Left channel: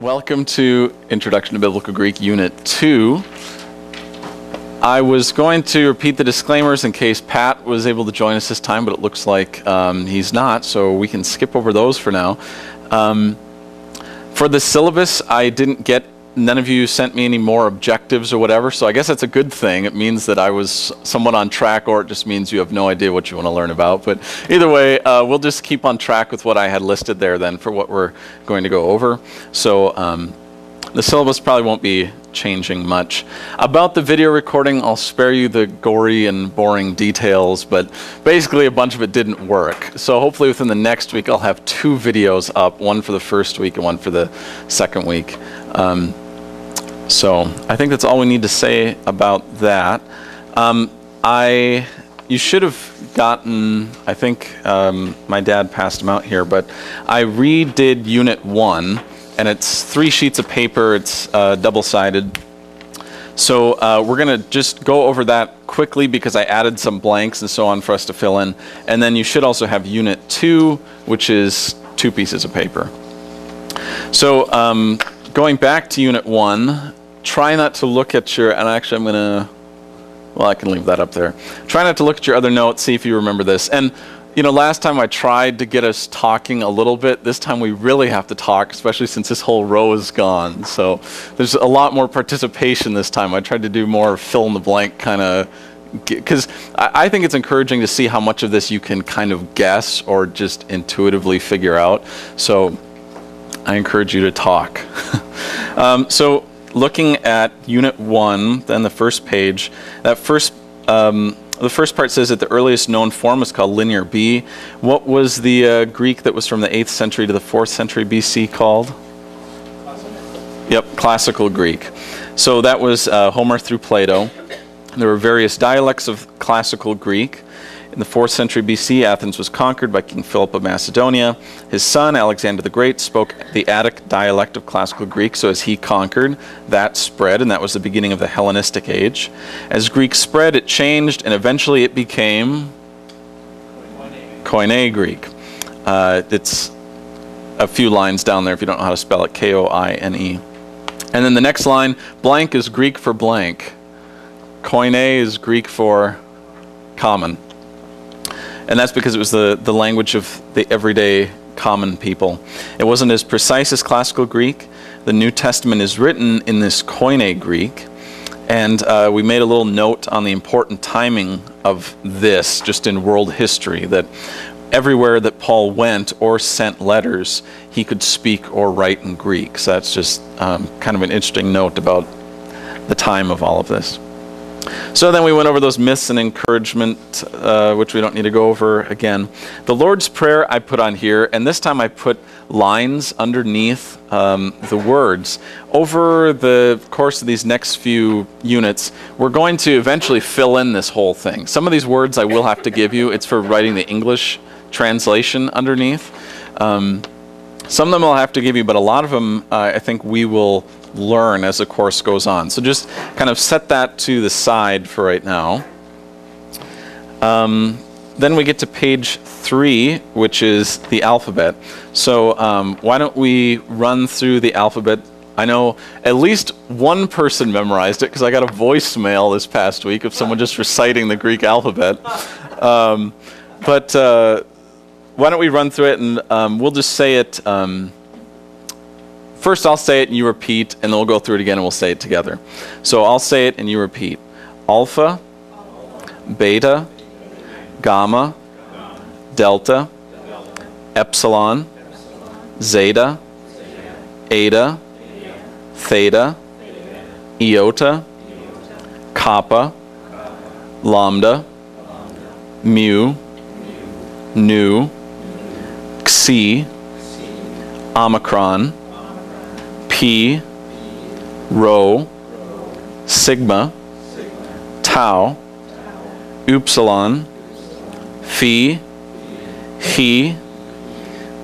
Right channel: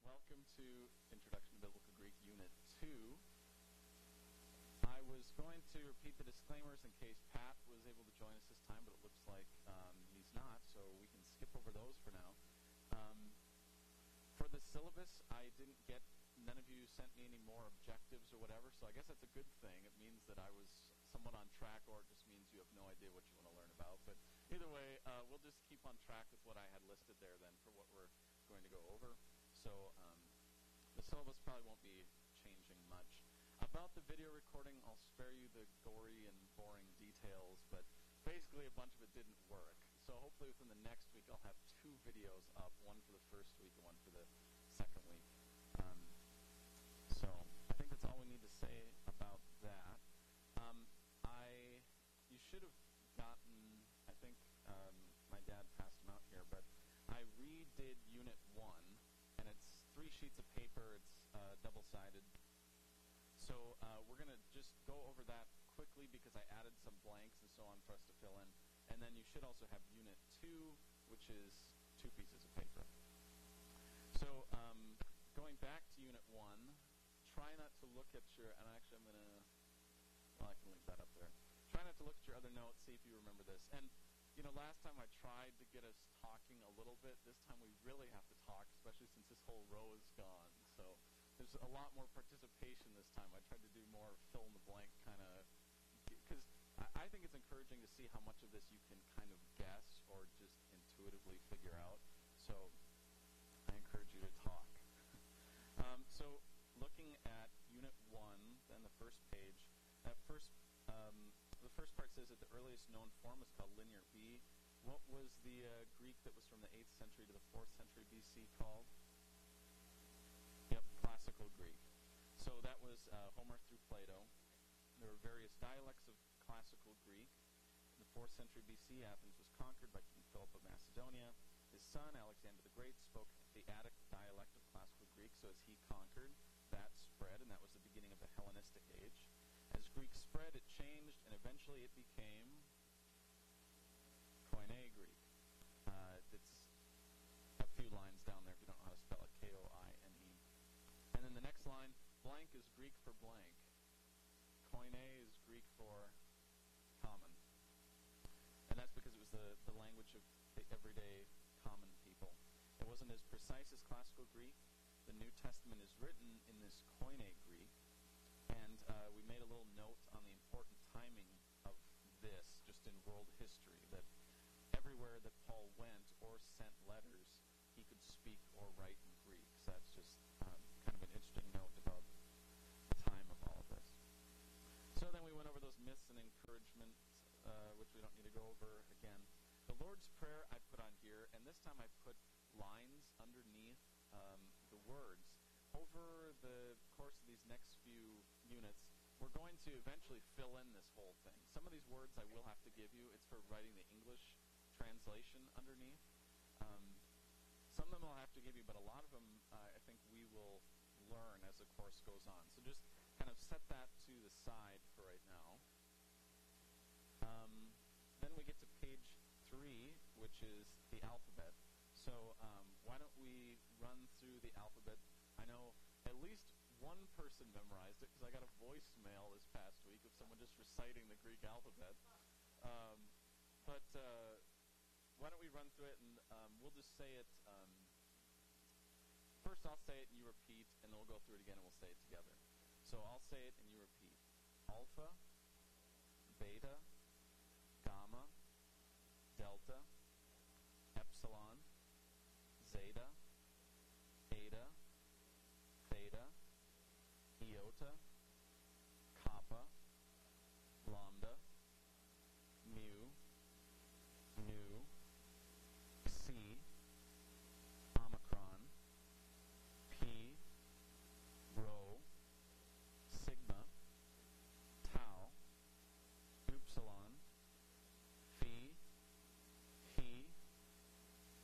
Welcome to Introduction to Biblical Greek, Unit 2. I was going to repeat the disclaimers in case Pat was able to join us this time, but it looks like he's not, so we can skip over those for now. For the syllabus, none of you sent me any more objectives or whatever, so I guess that's a good thing. It means that I was somewhat on track, or it just means you have no idea what you want to learn about. But either way, we'll just keep on track with what I had listed there then for what we're going to go over. So the syllabus probably won't be changing much. About the video recording, I'll spare you the gory and boring details, but basically a bunch of it didn't work. So hopefully within the next week, I'll have 2 videos up, one for the first week and one for the second week. So I think that's all we need to say about that. You should have gotten, I think my dad passed them out here, but I redid Unit 1, and it's 3 sheets of paper. It's double-sided. So we're going to just go over that quickly because I added some blanks and so on for us to fill in. And then you should also have Unit 2, which is 2 pieces of paper. So going back to Unit 1, try not to look at your, and actually I'm going to, well, I can leave that up there. Try not to look at your other notes, see if you remember this. And, you know, last time I tried to get us talking a little bit. This time we really have to talk, especially since this whole row is gone. So there's a lot more participation this time. I tried to do more fill-in-the-blank kind of, because I think it's encouraging to see how much of this you can kind of guess or just intuitively figure out. So I encourage you to talk. So looking at Unit 1, then the first page, the first part says that the earliest known form is called Linear B. What was the Greek that was from the 8th century to the 4th century BC called? Classical. Yep, Classical Greek. So that was Homer through Plato. There were various dialects of Classical Greek. In the 4th century BC, Athens was conquered by King Philip of Macedonia. His son, Alexander the Great, spoke the Attic dialect of Classical Greek, so as he conquered, that spread, and that was the beginning of the Hellenistic age. As Greek spread, it changed, and eventually it became Koine Greek. It's a few lines down there if you don't know how to spell it, K-O-I-N-E. And then the next line, blank is Greek for blank. Koine is Greek for common. And that's because it was the language of the everyday common people. It wasn't as precise as Classical Greek. The New Testament is written in this Koine Greek. And we made a little note on the important timing of this, just in world history, that everywhere that Paul went or sent letters, he could speak or write in Greek. So that's just kind of an interesting note about the time of all of this. So then we went over those myths and encouragement, which we don't need to go over again. The Lord's Prayer I put on here, and this time I put lines underneath the words. Over the course of these next few units, we're going to eventually fill in this whole thing. Some of these words I will have to give you. It's for writing the English translation underneath. Some of them I'll have to give you, but a lot of them I think we will learn as the course goes on. So just kind of set that to the side for right now. Then we get to page 3, which is the alphabet. So why don't we run through the alphabet? I know at least one person memorized it because I got a voicemail this past week of someone just reciting the Greek alphabet. But why don't we run through it, and we'll just say it. First I'll say it and you repeat, and then we'll go through it again and we'll say it together. So I'll say it and you repeat. Alpha, beta, gamma, delta, epsilon, zeta, eta, theta, iota, kappa, lambda, mu, nu, xi, omicron, P, rho, sigma, tau, upsilon, phi, he,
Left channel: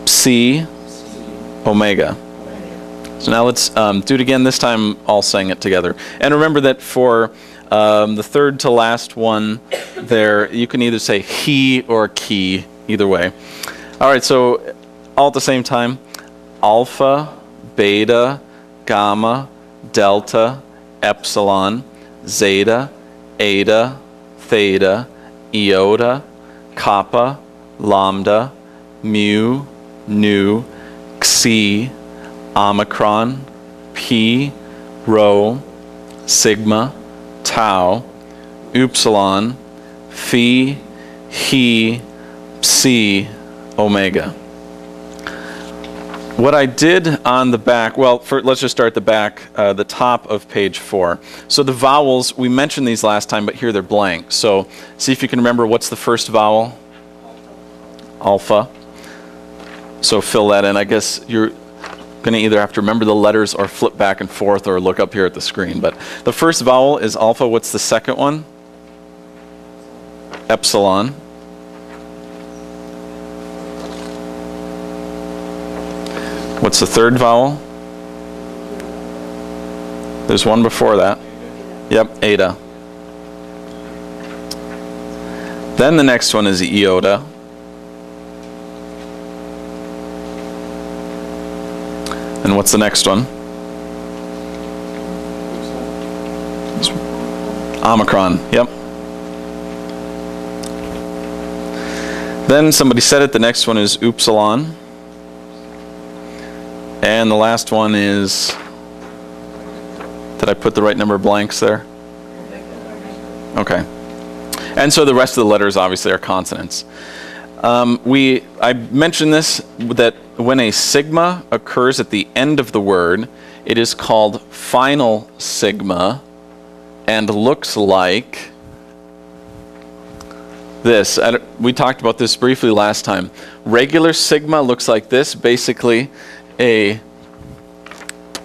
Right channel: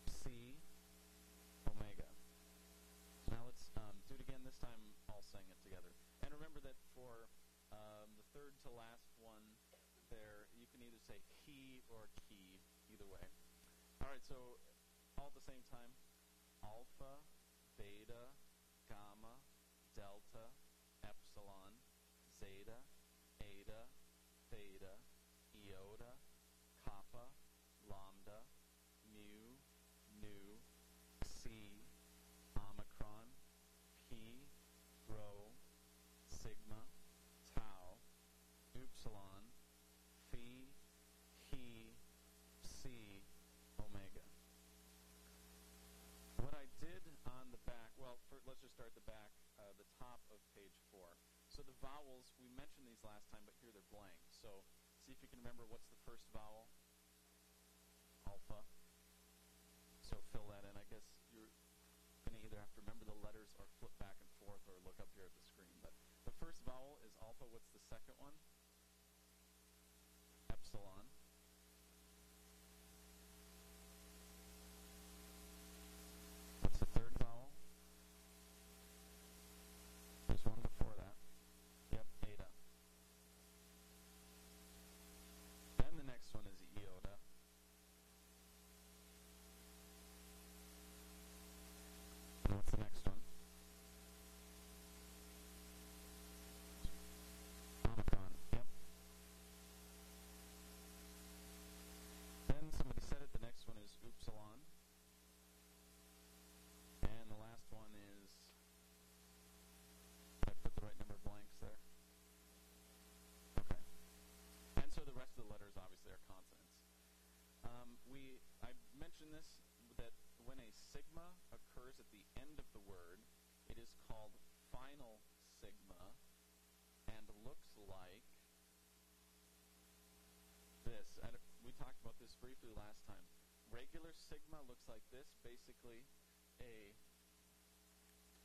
psi, omega. So now let's do it again, this time all saying it together. And remember that for the third to last one there, you can either say he or ki, either way. All right, so all at the same time. Alpha, beta, gamma, delta, epsilon, zeta, eta, theta, iota, kappa, lambda, mu, nu, xi, omicron, pi, rho, sigma, tau, upsilon, phi, he, psi, omega. What I did on the back, well, let's just start at the back, the top of page 4. So the vowels, we mentioned these last time, but here they're blank. So see if you can remember what's the first vowel? Alpha. So fill that in. I guess you're going to either have to remember the letters or flip back and forth or look up here at the screen. But the first vowel is alpha. What's the second one? Epsilon. What's the third vowel? There's one before that. Yep, eta. Then the next one is iota. And what's the next one? Omicron, yep. Then somebody said it, the next one is upsilon. And the last one is, did I put the right number of blanks there? Okay. And so the rest of the letters obviously are consonants. I mentioned this, that when a sigma occurs at the end of the word, it is called final sigma and looks like this. We talked about this briefly last time. Regular sigma looks like this, basically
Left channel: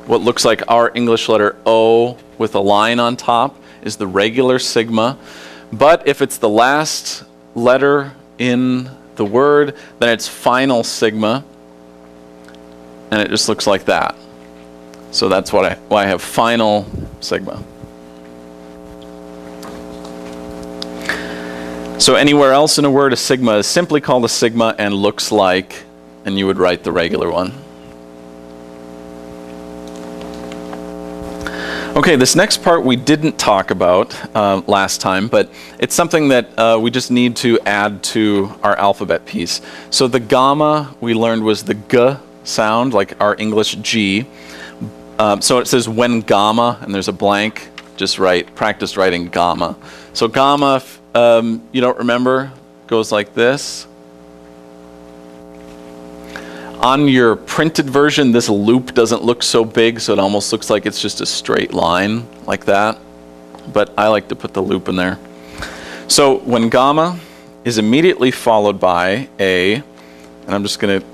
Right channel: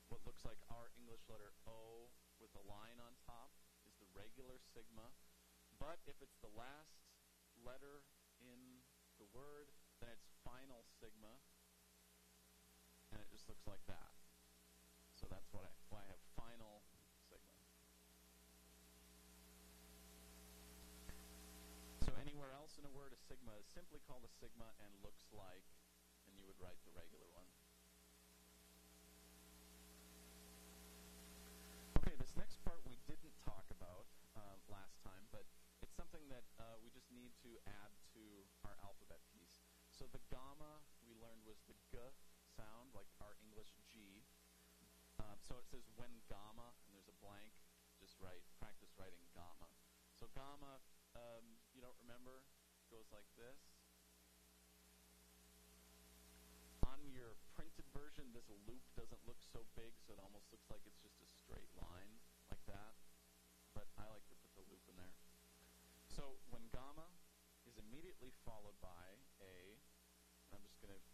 what looks like our English letter O with a line on top is the regular sigma. But if it's the last letter in the word, then it's final sigma, and it just looks like that. So that's why I have final sigma. So anywhere else in a word, a sigma is simply called a sigma and looks like, and you would write the regular one. Okay, this next part we didn't talk about last time, but it's something that we just need to add to our alphabet piece. So the gamma we learned was the G sound, like our English G. So it says when gamma, and there's a blank, just practice writing gamma. So gamma, if you don't remember, goes like this. On your printed version, this loop doesn't look so big, so it almost looks like it's just a straight line like that. But I like to put the loop in there. So when gamma is immediately followed by a, and I'm just going to,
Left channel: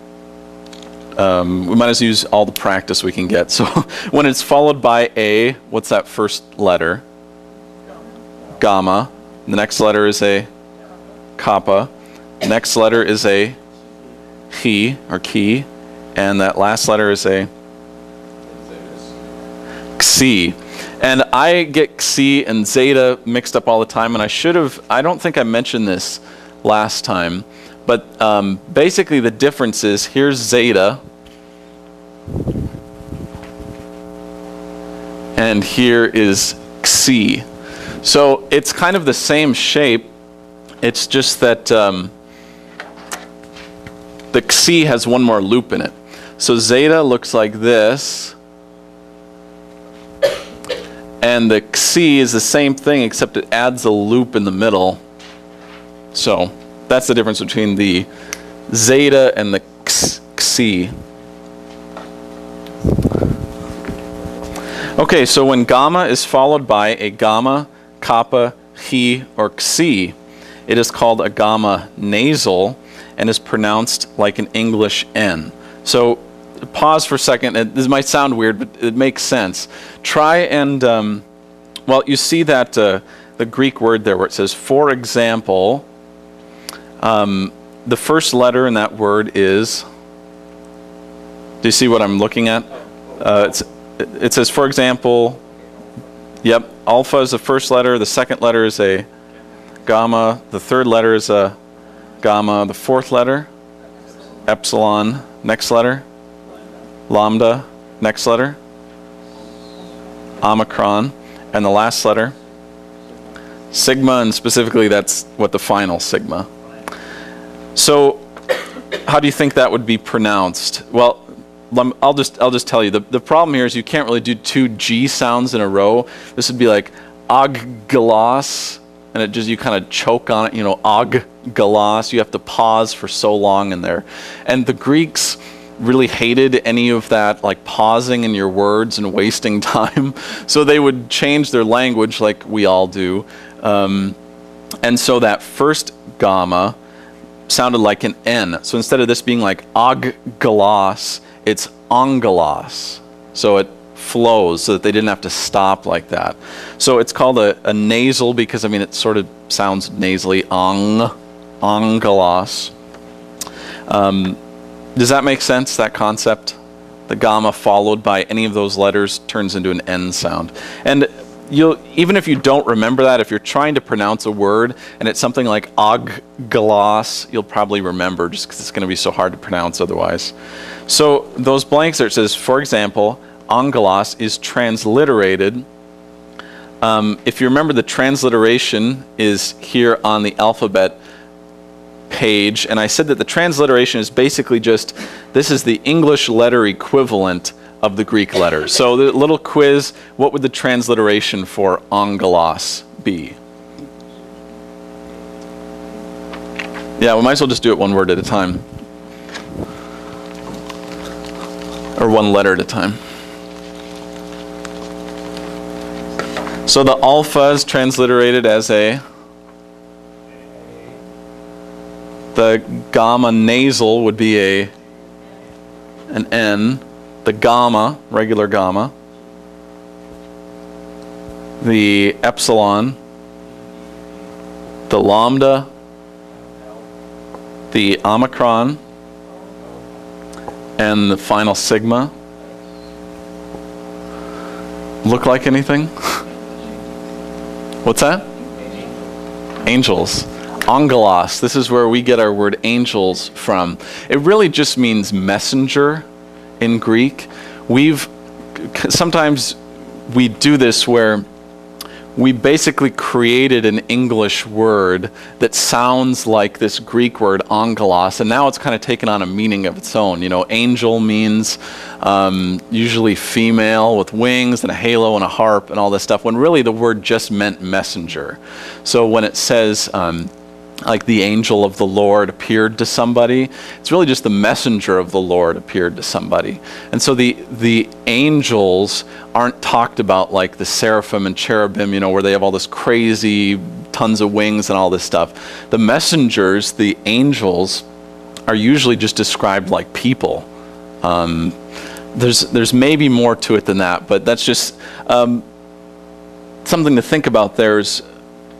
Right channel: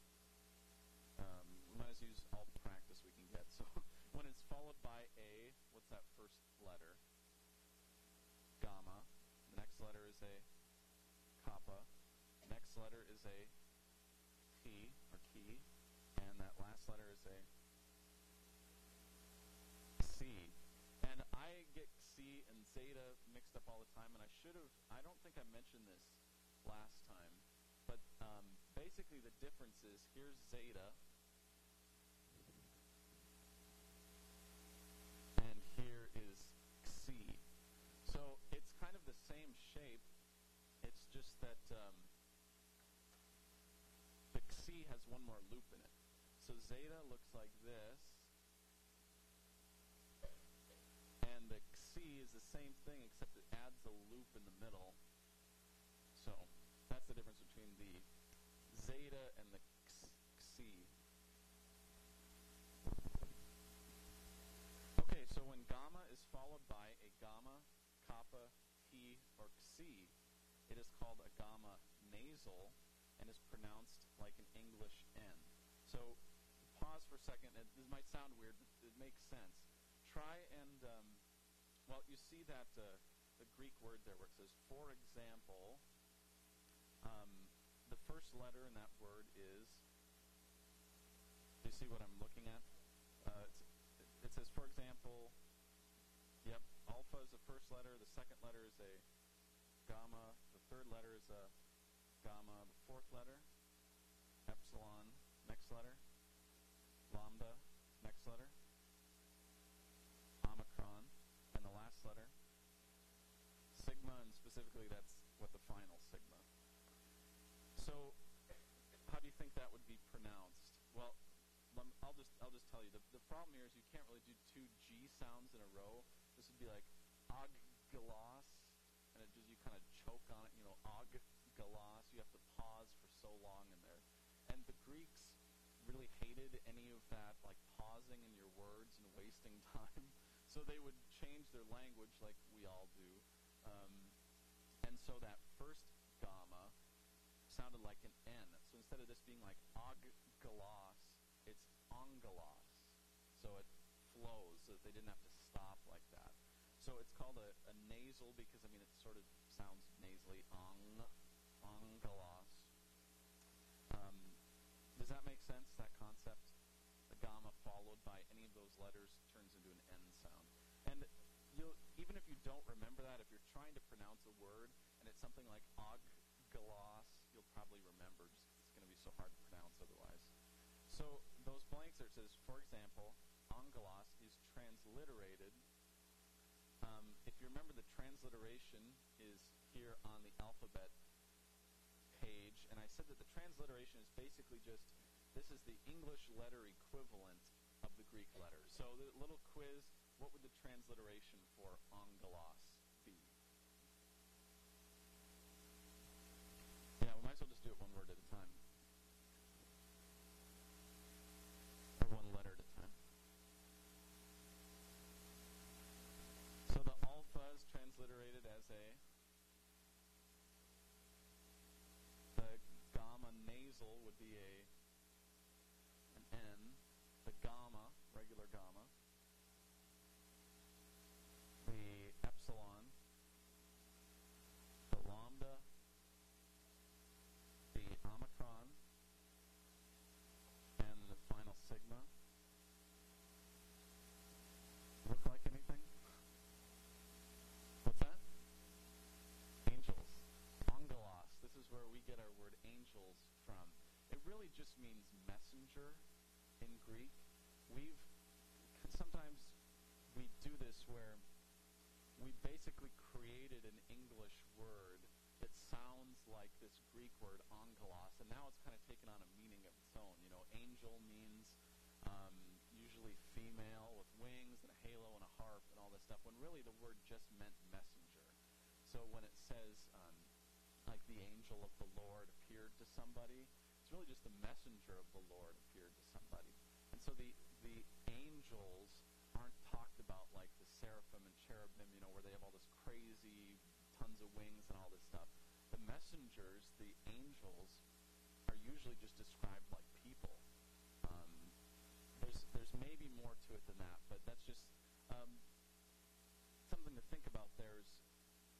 we might as well use all the practice we can get. So when it's followed by a, what's that first letter? Gamma. The next letter is a kappa. The next letter is a he or key, and that last letter is a xi. And I get xi and zeta mixed up all the time, and I don't think I mentioned this last time, but basically the difference is here's zeta, and here is xi. So it's kind of the same shape, it's just that the xi has one more loop in it. So zeta looks like this, and the xi is the same thing except it adds a loop in the middle. So that's the difference between the zeta and the xi. Okay, so when gamma is followed by a gamma, kappa, he, or xi, it is called a gamma nasal and is pronounced like an English N. So pause for a second. This might sound weird, but it makes sense. Try and, well, you see that the Greek word there where it says, for example, the first letter in that word is, do you see what I'm looking at? It says, for example, yep, alpha is the first letter, the second letter is a gamma, the third letter is a gamma, the fourth letter, epsilon, next letter, lambda, Next letter? Omicron. And the last letter? Sigma, and specifically that's what the final sigma. So how do you think that would be pronounced? Well, I'll just tell you. The problem here is you can't really do two G sounds in a row. This would be like oggalos, and it just, you kind of choke on it, you know, oggalos. You have to pause for so long in there. And the Greeks really hated any of that, like pausing in your words and wasting time. So they would change their language like we all do. And so that first gamma sounded like an N. So instead of this being like oggalos, it's ongalos. So it flows so that they didn't have to stop like that. So it's called a nasal because, I mean, it sort of sounds nasally, ongalos. Does that make sense, that concept? The gamma followed by any of those letters turns into an N sound. And even if you don't remember that, if you're trying to pronounce a word and it's something like oggalos, you'll probably remember just because it's going to be so hard to pronounce otherwise. So those blanks there, it says, for example, ongalos is transliterated. If you remember, the transliteration is here on the alphabet page, and I said that the transliteration is basically just, this is the English letter equivalent of the Greek letter. So the little quiz, what would the transliteration for ongalos be? Yeah, we might as well just do it one word at a time. Or one letter at a time. So the alpha is transliterated as a, the gamma nasal would be an N. The gamma, regular gamma. The epsilon. The lambda. The omicron. And the final sigma. Look like anything? What's that? Angels. Angelos. This is where we get our word angels from. It really just means messenger in Greek. Sometimes we do this where we basically created an English word that sounds like this Greek word angelos, and now it's kind of taken on a meaning of its own. You know, angel means usually female with wings and a halo and a harp and all this stuff, when really the word just meant messenger. So when it says like the angel of the Lord appeared to somebody, it's really just the messenger of the Lord appeared to somebody. And so the angels aren't talked about like the seraphim and cherubim, you know, where they have all this crazy tons of wings and all this stuff. The messengers, the angels, are usually just described like people. There's maybe more to it than that, but that's just something to think about.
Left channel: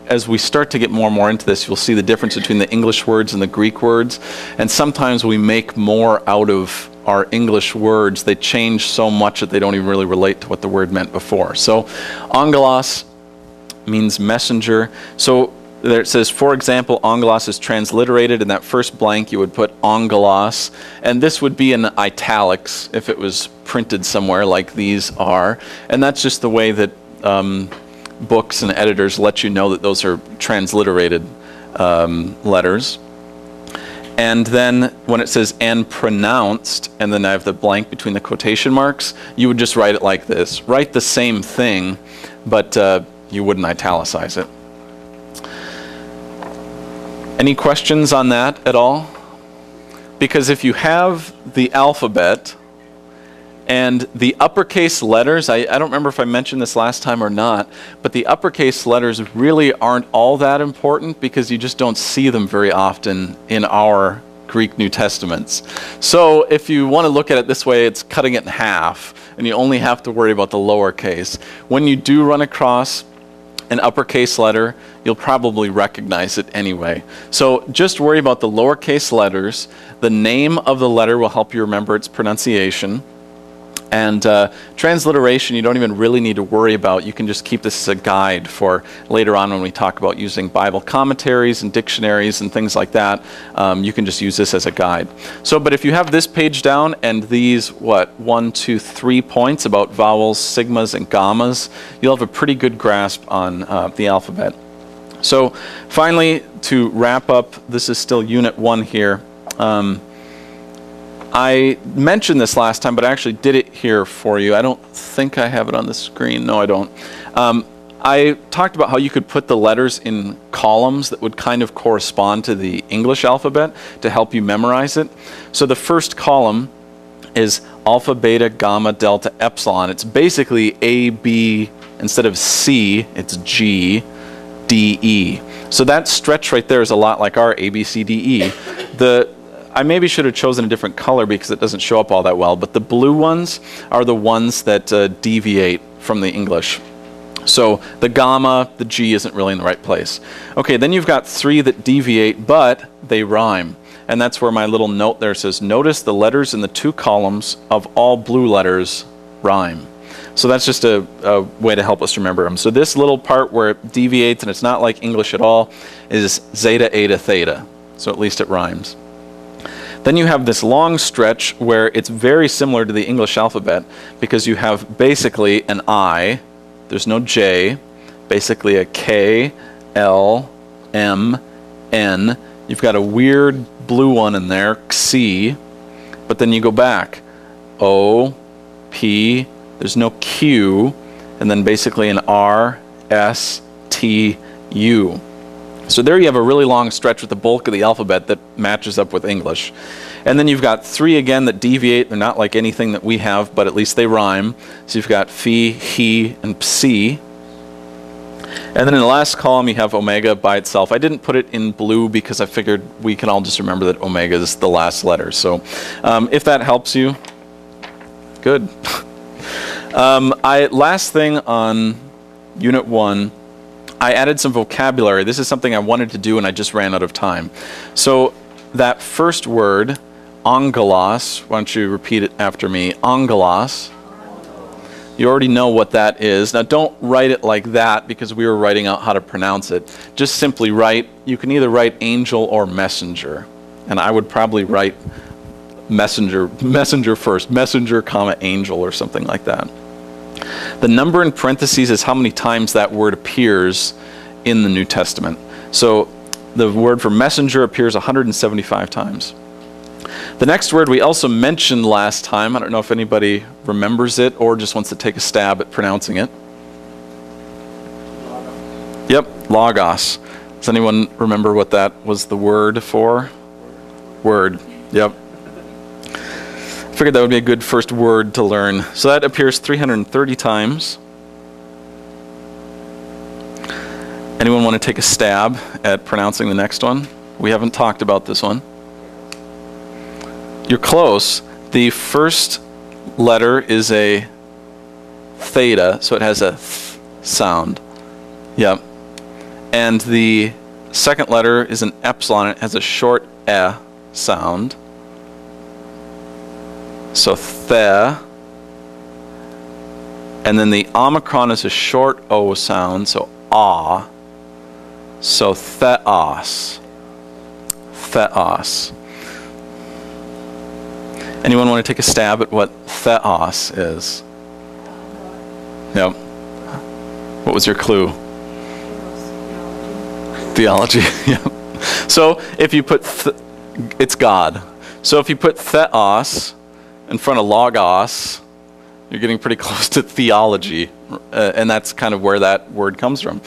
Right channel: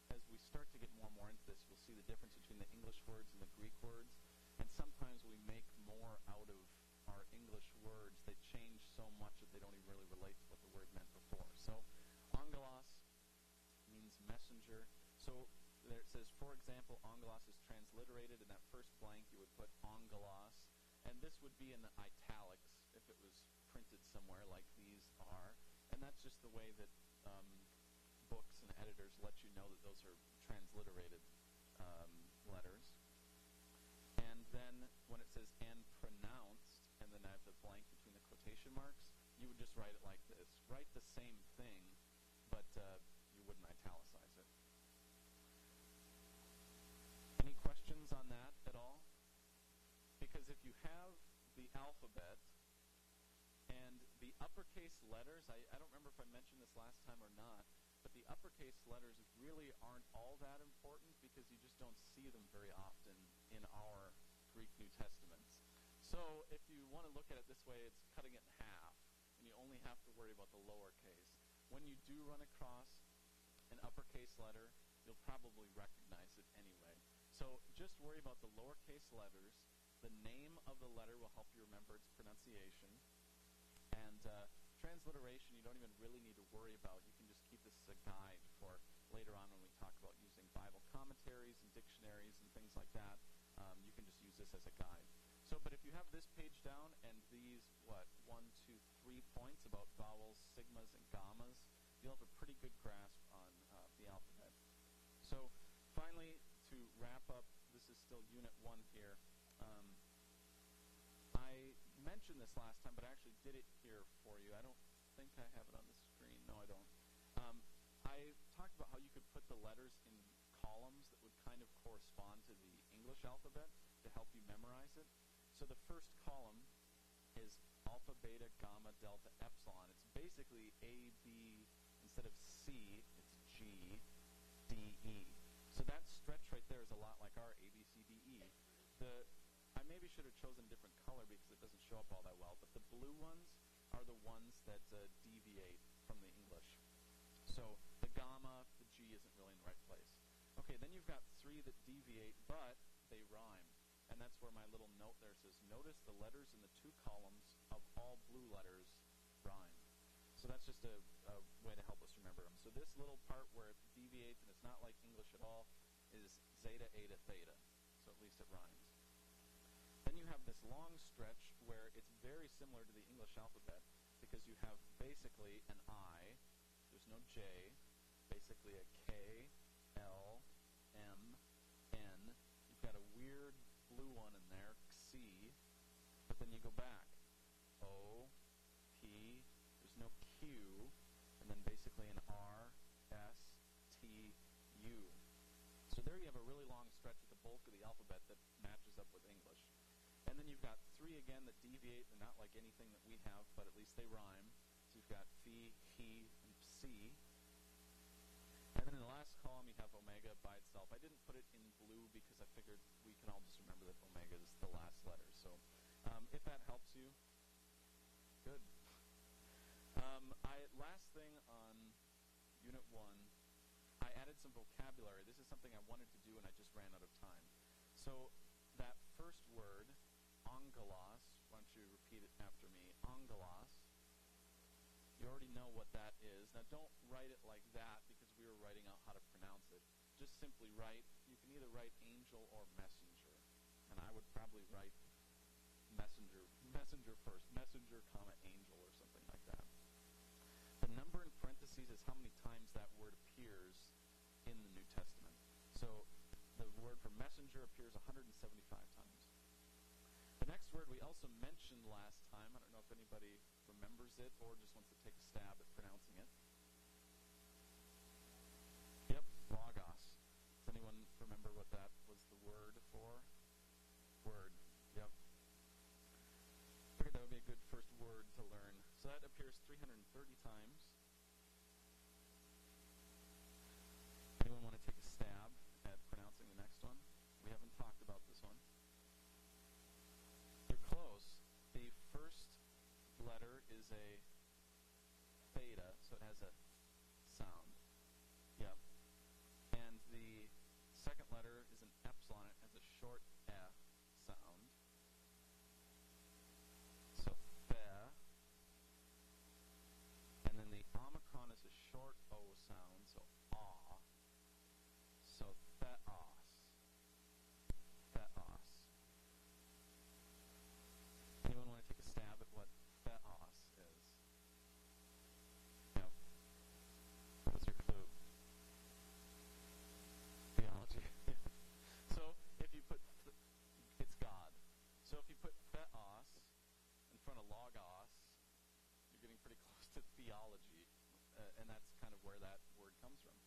As we start to get more and more into this, you'll see the difference between the English words and the Greek words. And sometimes we make more out of our English words. They change so much that they don't even really relate to what the word meant before. So angelos means messenger. So there it says, for example, angelos is transliterated. In that first blank, you would put angelos. And this would be in italics if it was printed somewhere like these are. And that's just the way that books and editors let you know that those are transliterated letters. And then when it says and pronounced, and then I have the blank between the quotation marks, you would just write it like this. Write the same thing, but you wouldn't italicize it. Any questions on that at all? Because if you have the alphabet and the uppercase letters, I don't remember if I mentioned this last time or not, but the uppercase letters really aren't all that important because you just don't see them very often in our Greek New Testaments. So if you want to look at it this way, it's cutting it in half, and you only have to worry about the lowercase. When you do run across an uppercase letter, you'll probably recognize it anyway. So just worry about the lowercase letters. The name of the letter will help you remember its pronunciation. And transliteration, you don't even really need to worry about. You can just keep this as a guide for later on when we talk about using Bible commentaries and dictionaries and things like that. You can just use this as a guide. So, but if you have this page down and these, 1, 2, 3 points about vowels, sigmas, and gammas, you'll have a pretty good grasp on the alphabet. So finally, to wrap up, this is still Unit 1 here. I mentioned this last time, but I actually did it here for you. I don't think I have it on the screen. No, I don't. I talked about how you could put the letters in columns that would kind of correspond to the English alphabet to help you memorize it. So the first column is alpha, beta, gamma, delta, epsilon. It's basically A, B, instead of C, it's G, D, E. So that stretch right there is a lot like our A, B, C, D, E. I maybe should have chosen a different color because it doesn't show up all that well, but the blue ones are the ones that deviate from the English. So the gamma, the G isn't really in the right place. Okay, then you've got 3 that deviate, but they rhyme. And that's where my little note there says, notice the letters in the 2 columns of all blue letters rhyme. So that's just a way to help us remember them. So this little part where it deviates and it's not like English at all is zeta, eta, theta. So at least it rhymes. Then you have this long stretch where it's very similar to the English alphabet because you have basically an I, there's no J, basically a K, L, M, N. You've got a weird blue one in there, C, but then you go back, O, P, there's no Q, and then basically an R, S, T, U. So there you have a really long stretch with the bulk of the alphabet that matches up with English. And then you've got 3 again that deviate. They're not like anything that we have, but at least they rhyme. So you've got phi, he, and psi. And then in the last column you have omega by itself. I didn't put it in blue because I figured we can all just remember that omega is the last letter. So if that helps you, good. Last thing on Unit 1, I added some vocabulary. This is something I wanted to do and I just ran out of time. So that first word, angelos, why don't you repeat it after me? Angelos. You already know what that is. Now don't write it like that because we were writing out how to pronounce it. Just simply write, you can either write angel or messenger. And I would probably write messenger first, messenger, comma, angel or something like that. The number in parentheses is how many times that word appears in the New Testament. So the word for messenger appears 175 times. The next word we also mentioned last time. I don't know if anybody remembers it or just wants to take a stab at pronouncing it. Yep, logos. Does anyone remember what that was the word for? Word. Yep. I figured that would be a good first word to learn. So that appears 330 times. Anyone want to take a stab at pronouncing the next one? We haven't talked about this one. You're close. The first letter is a theta, so it has a th sound. Yep. And the second letter is an epsilon. It has a short e sound. So the. And then the omicron is a short O sound, so ah. So theos. Theos. Anyone want to take a stab at what theos is? Yep. What was your clue? Theology. Yep. So if you put, it's God. So if you put theos in front of logos, you're getting pretty close to theology. And that's kind of where that word comes from.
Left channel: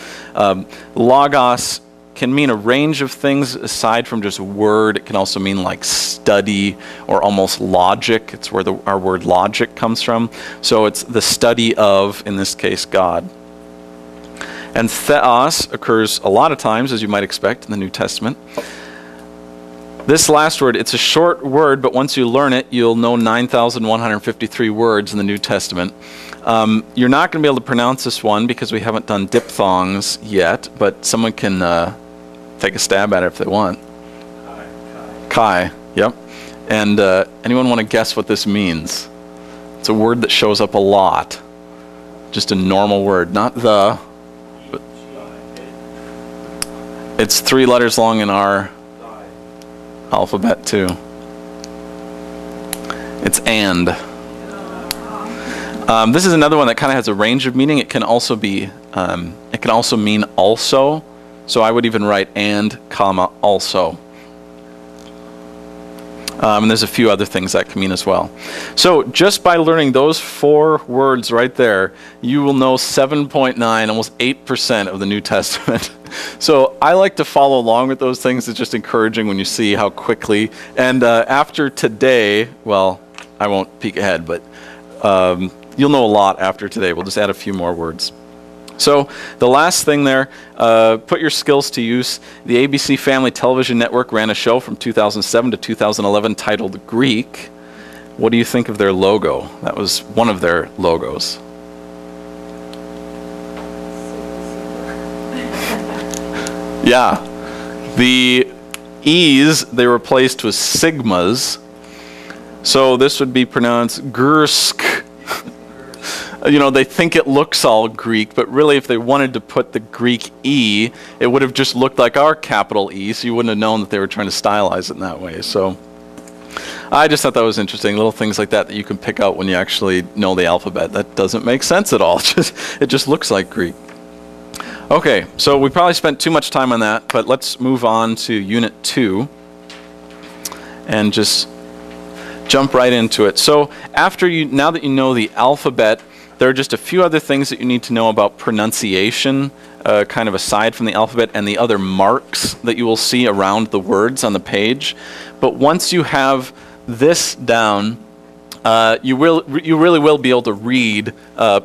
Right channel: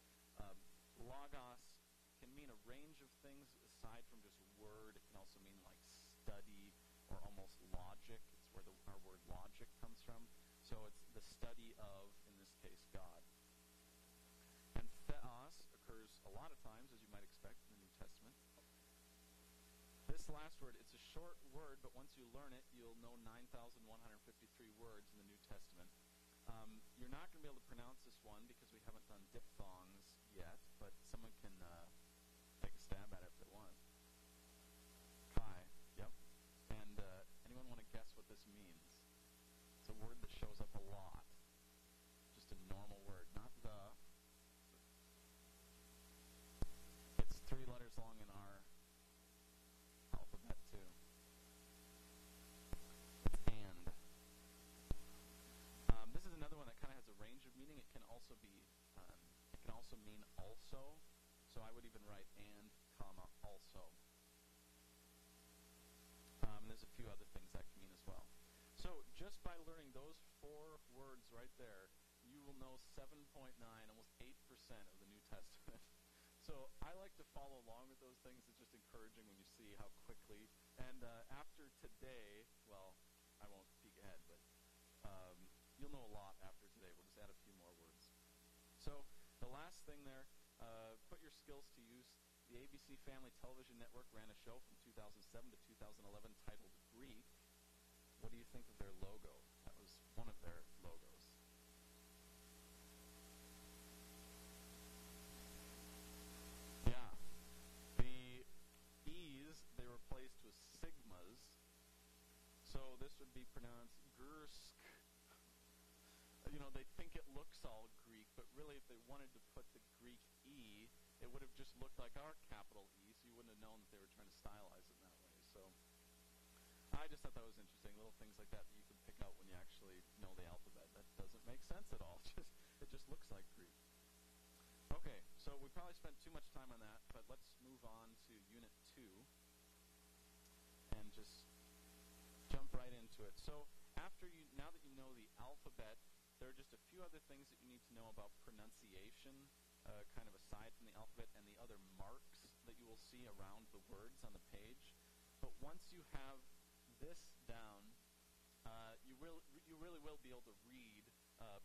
Logos can mean a range of things aside from just word. It can also mean like study or almost logic. It's where our word logic comes from. So it's the study of, in this case, God. And theos occurs a lot of times, as you might expect, in the New Testament. This last word, it's a short word, but once you learn it, you'll know 9,153 words in the New Testament. You're not going to be able to pronounce this one because we haven't done diphthongs yet, but someone can take a stab at it if they want. Chi, yep. And anyone want to guess what this means? It's a word that shows up a lot. Just a normal word, not the. But it's 3 letters long in our alphabet too. It's and. This is another one that kind of has a range of meaning. It can also be, it can also mean also. So I would even write and, comma, also. And there's a few other things that can mean as well. So just by learning those 4 words right there, you will know 7.9, almost 8% of the New Testament. So I like to follow along with those things. It's just encouraging when you see how quickly. And after today, well, I won't peek ahead, but you'll know a lot after today. We'll just add a few more words. So the last thing there, put your skills to use. The ABC Family Television Network ran a show from 2007 to 2011 titled Greek. What do you think of their logo? That was one of their logos. Yeah. The E's they replaced with sigmas. So this would be pronounced Gursk. You know, they think it looks all Greek, but really if they wanted to put the Greek E, it would have just looked like our capital E, so you wouldn't have known that they were trying to stylize it in that way. So I just thought that was interesting, little things like that that you can pick out when you actually know the alphabet. That doesn't make sense at all. It just looks like Greek. Okay, so we probably spent too much time on that, but let's move on to Unit 2 and just jump right into it. So now that you know the alphabet, there are just a few other things that you need to know about pronunciation, kind of aside from the alphabet and the other marks that you will see around the words on the page. But once you have this down, you really will be able to read,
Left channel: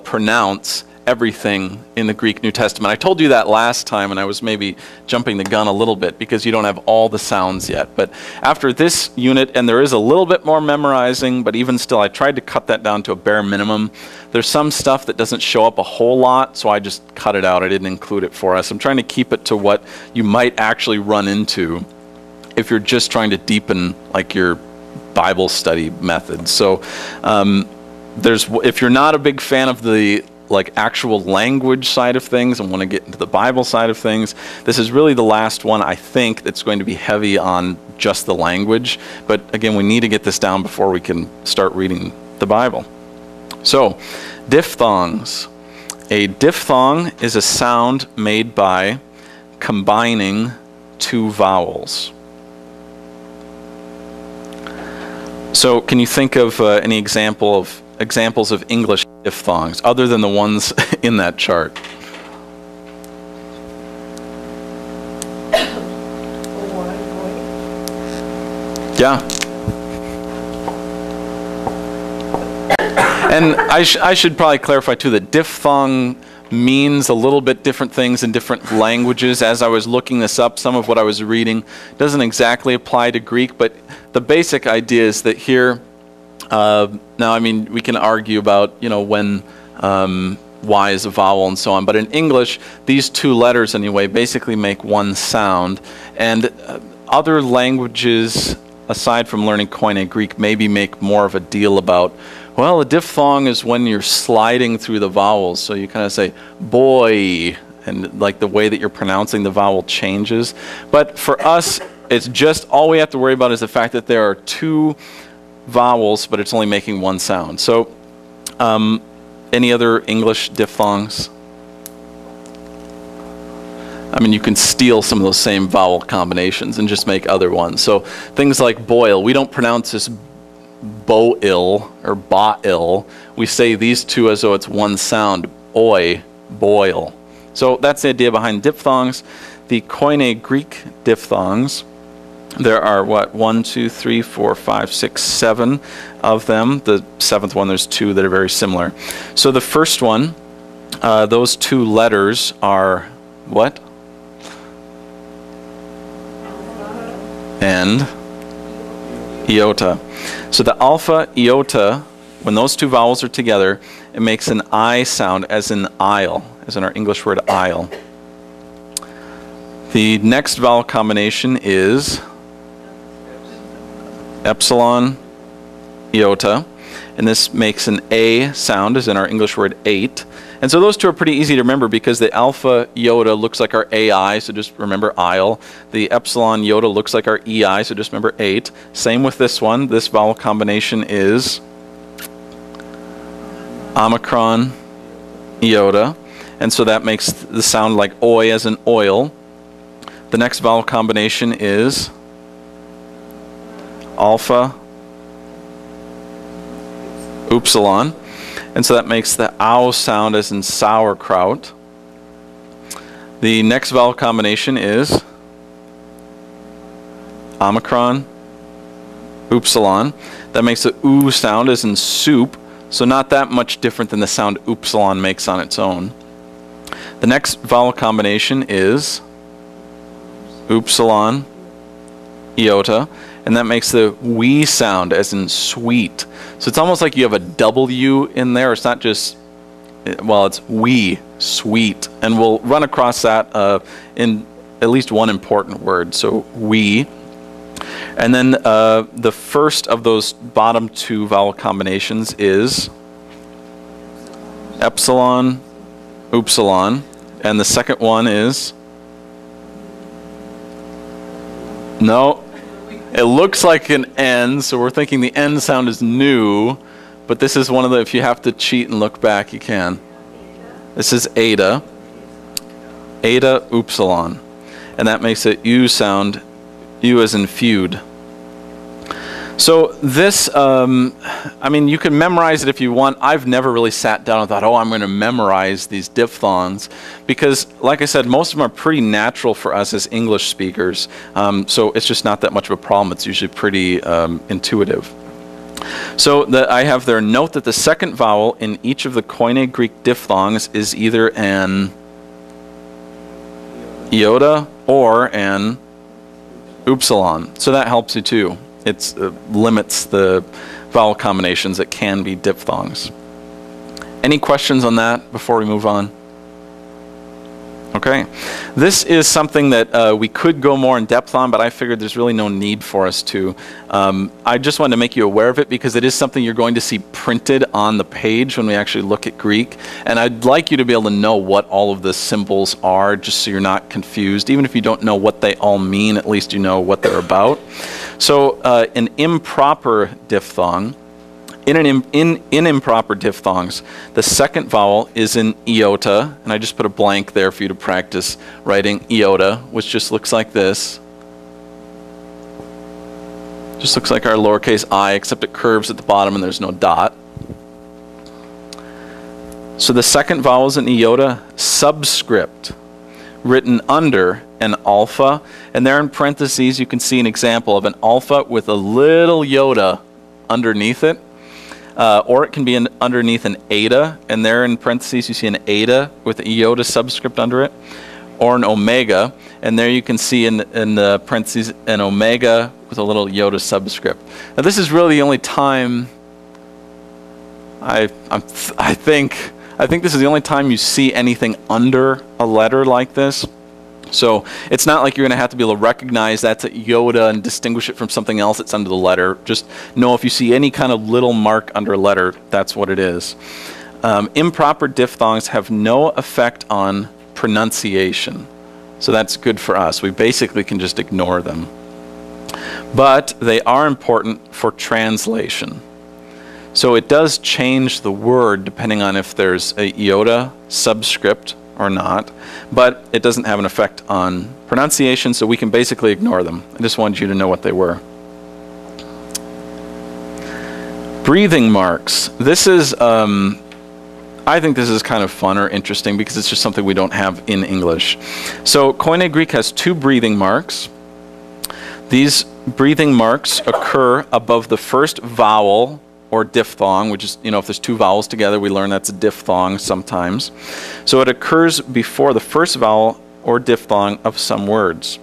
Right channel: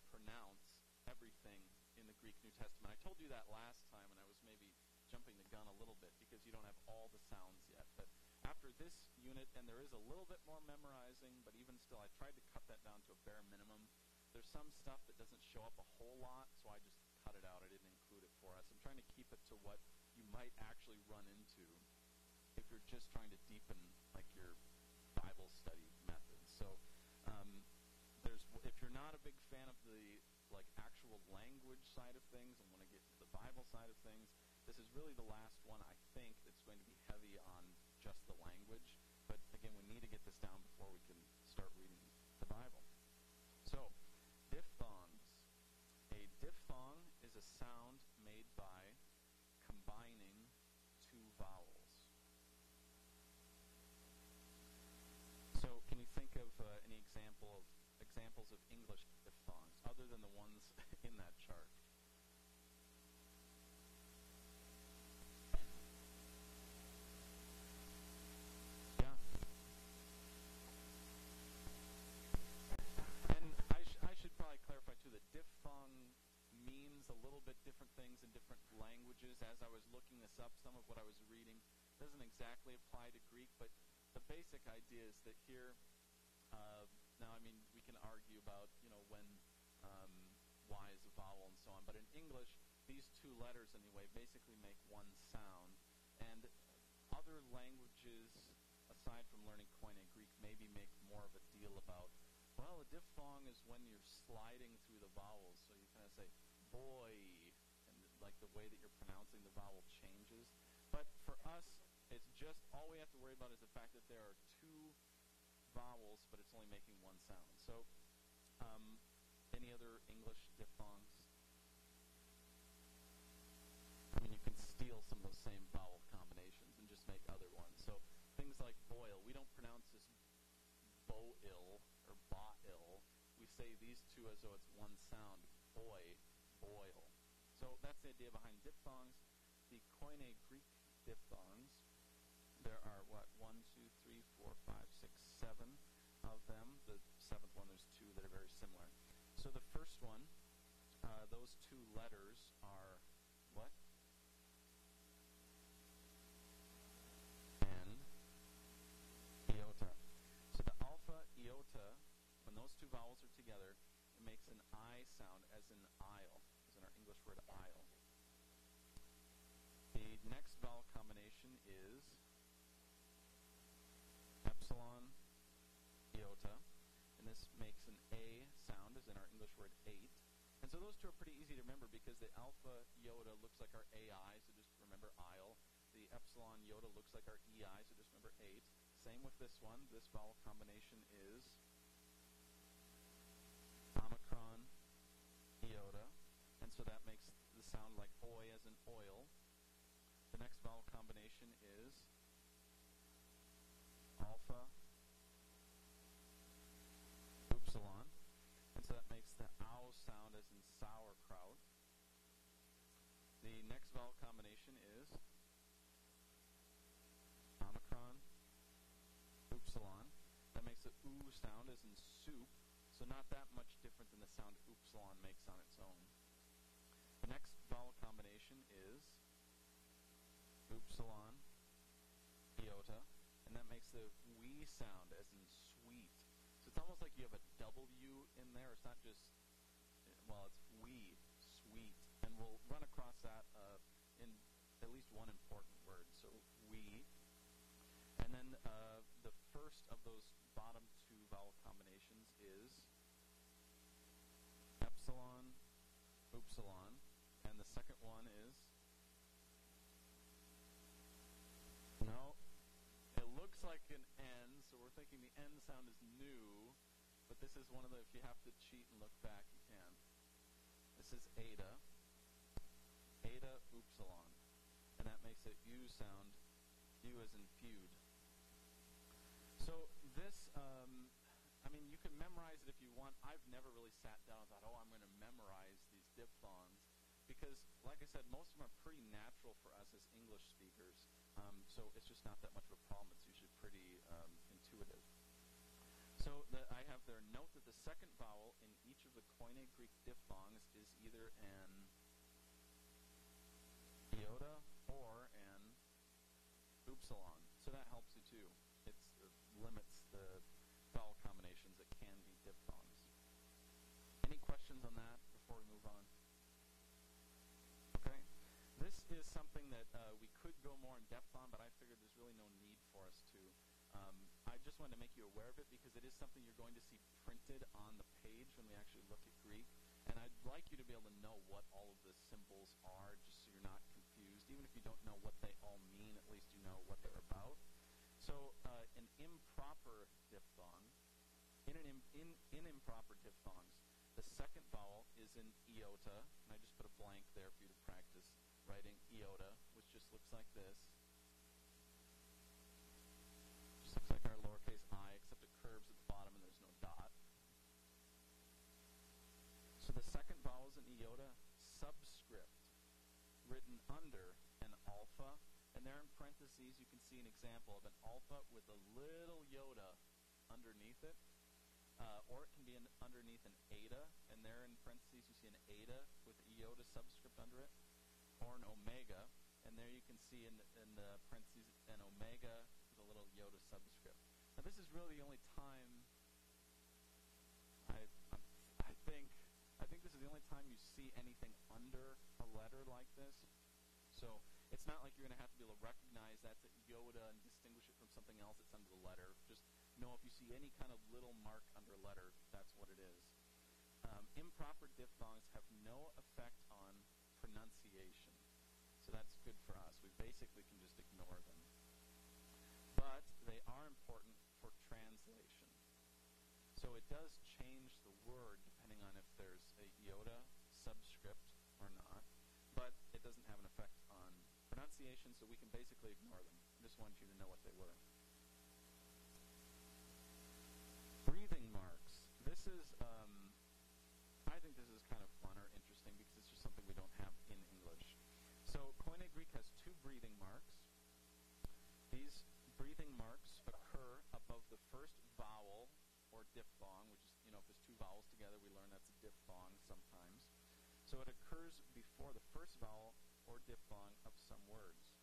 pronounce everything in the Greek New Testament. I told you that last time, and I was maybe jumping the gun a little bit because you don't have all the sounds yet. But after this unit, and there is a little bit more memorizing, but even still, I tried to cut that down to a bare minimum. There's some stuff that doesn't show up a whole lot, so I just cut it out. I didn't include it for us. I'm trying to keep it to what you might actually run into if you're just trying to deepen like your Bible study method. So if you're not a big fan of the actual language side of things and want to get into the Bible side of things, this is really the last one I think that's going to be heavy on just the language. But again, we need to get this down before we can start reading the Bible. So, diphthongs. A diphthong is a sound made by combining 2 vowels. So, can you think of any examples of English diphthongs other than the ones in that chart? Yeah. And I should probably clarify too that diphthong means a little bit different things in different languages. As I was looking this up, some of what I was reading doesn't exactly apply to Greek, but the basic idea is that here, now I mean, we can argue about, when Y is a vowel and so on, but in English, these 2 letters anyway basically make one sound, and other languages, aside from learning Koine Greek, maybe make more of a deal about, well, a diphthong is when you're sliding through the vowels, so you kind of say boy, and like the way that you're pronouncing the vowel changes. But for us, it's just all we have to worry about is the fact that there are 2 vowels, but it's only making one sound. So, any other English diphthongs? I mean, you can steal some of those same vowel combinations and just make other ones. So, things like boil, we don't pronounce this bo-il or ba-il. We say these 2 as though it's one sound, oi, boil. So, that's the idea behind diphthongs. The Koine Greek diphthongs, there are, 1, 2, 3, 4, 5, 6, 7 of them. The 7th one, there's 2 that are very similar. So the first one, those 2 letters are what? And iota. So the alpha, iota, when those 2 vowels are together, it makes an I sound, as in aisle, as in our English word aisle. The next vowel combination is epsilon, iota. and this makes an A sound, as in our English word 8. And so those two are pretty easy to remember because the alpha iota looks like our AI, so just remember isle. The epsilon iota looks like our EI, so just remember 8. Same with this one. This vowel combination is omicron iota, and so that makes the sound like oi as in oil. The next vowel combination is alpha upsilon, and so that makes the ow sound as in sauerkraut. The next vowel combination is omicron upsilon. That makes the oo sound as in soup, so not that much different than the sound upsilon makes on its own. The next vowel combination is upsilon iota, and that makes the we sound as in sweet. So it's almost like you have a W in there. It's not just, well, it's we, sweet. And we'll run across that in at least one important word, so we. And then the first of those bottom two vowel combinations is epsilon, upsilon, and the second one is, no, it looks like an N, so we're thinking the N sound is new, but this is one of the, if you have to cheat and look back, you can. This is eta, eta upsilon, and that makes it U sound, U as in feud. So this, I mean, you can memorize it if you want. I've never really sat down and thought, oh, I'm going to memorize these diphthongs, because, like I said, most of them are pretty natural for us as English speakers. So it's just not that much of a problem. It's usually pretty intuitive. So I have there, note that the second vowel in each of the Koine Greek diphthongs is either an iota or an upsilon. So that helps you too. It limits the vowel combinations that can be diphthongs. Any questions on that before we move on? Okay. This is something that we could go more in depth on, but I figured there's really no need for us to. I just wanted to make you aware of it because it is something you're going to see printed on the page when we actually look at Greek. And I'd like you to be able to know what all of the symbols are, just so you're not confused. Even if you don't know what they all mean, at least you know what they're about. So an improper diphthong, in improper diphthongs, the second vowel is an iota, and I just put a blank there for you to practice writing iota, which just looks like this. Just looks like our lowercase I, except it curves at the bottom and there's no dot. So the second vowel is an iota subscript, written under an alpha, and there in parentheses you can see an example of an alpha with a little iota underneath it, or it can be underneath an eta, and there in parentheses you see an eta with an iota subscript under it, or an omega, and there you can see in the parentheses an omega with a little iota subscript. Now this is really the only time I think this is the only time you see anything under a letter like this. So it's not like you're going to have to be able to recognize that's a iota and distinguish it from something else that's under the letter. Just know if you see any kind of little mark under a letter, that's what it is. Improper diphthongs have no effect on pronunciation. So that's good for us. We basically can just ignore them. But they are important for translation. So it does change the word depending on if there's a iota subscript or not, but it doesn't have an effect on pronunciation, so we can basically ignore them. I just wanted you to know what they were. Breathing marks. This is, I think this is kind of fun or interesting because it's just something we don't have in English. So Koine Greek has two breathing marks. These breathing marks occur above the first vowel or diphthong, which is, you know, if there's two vowels together, we learn that's a diphthong sometimes. So it occurs before the first vowel or diphthong of some words.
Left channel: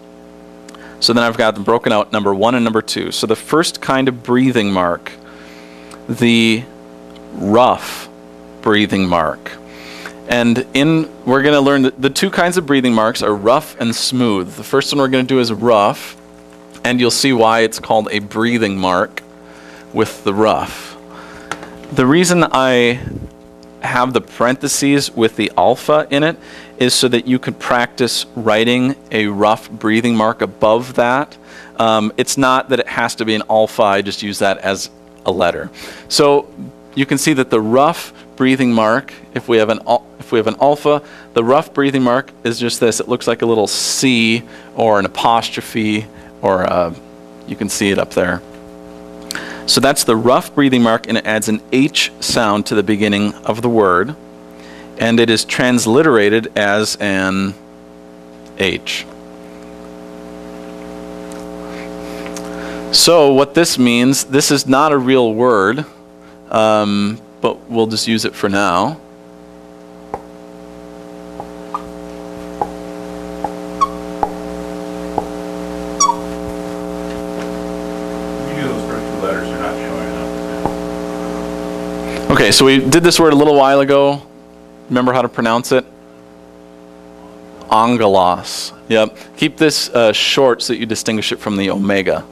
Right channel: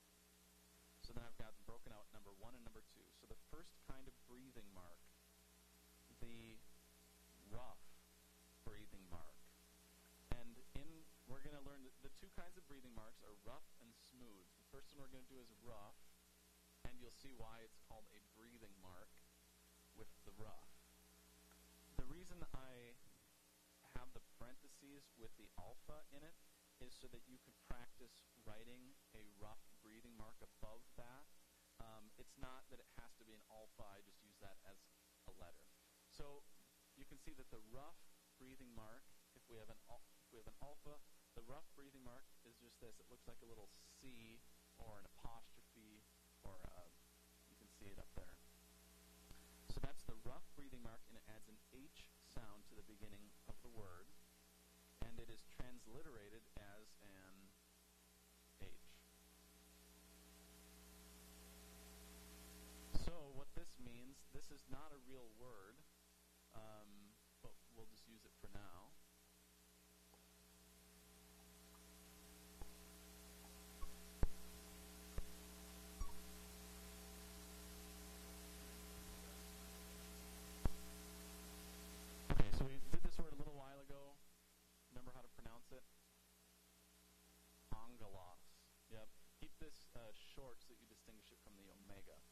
So then I've got them broken out, number 1 and number 2. So the first kind of breathing mark, the rough breathing mark. And we're going to learn the two kinds of breathing marks are rough and smooth. The first one we're going to do is rough, and you'll see why it's called a breathing mark with the rough. The reason I have the parentheses with the alpha in it is so that you could practice writing a rough breathing mark above that. It's not that it has to be an alpha, I just use that as a letter. So you can see that the rough breathing mark, if we have an alpha, the rough breathing mark is just this. It looks like a little C or an apostrophe, or you can see it up there. So that's the rough breathing mark, and it adds an H sound to the beginning of the word, and it is transliterated as an H. So what this means, this is not a real word, but we'll just use it for now. Okay, so we did this word a little while ago. Remember how to pronounce it? Angelos. Yep. Keep this short so that you distinguish it from the omega.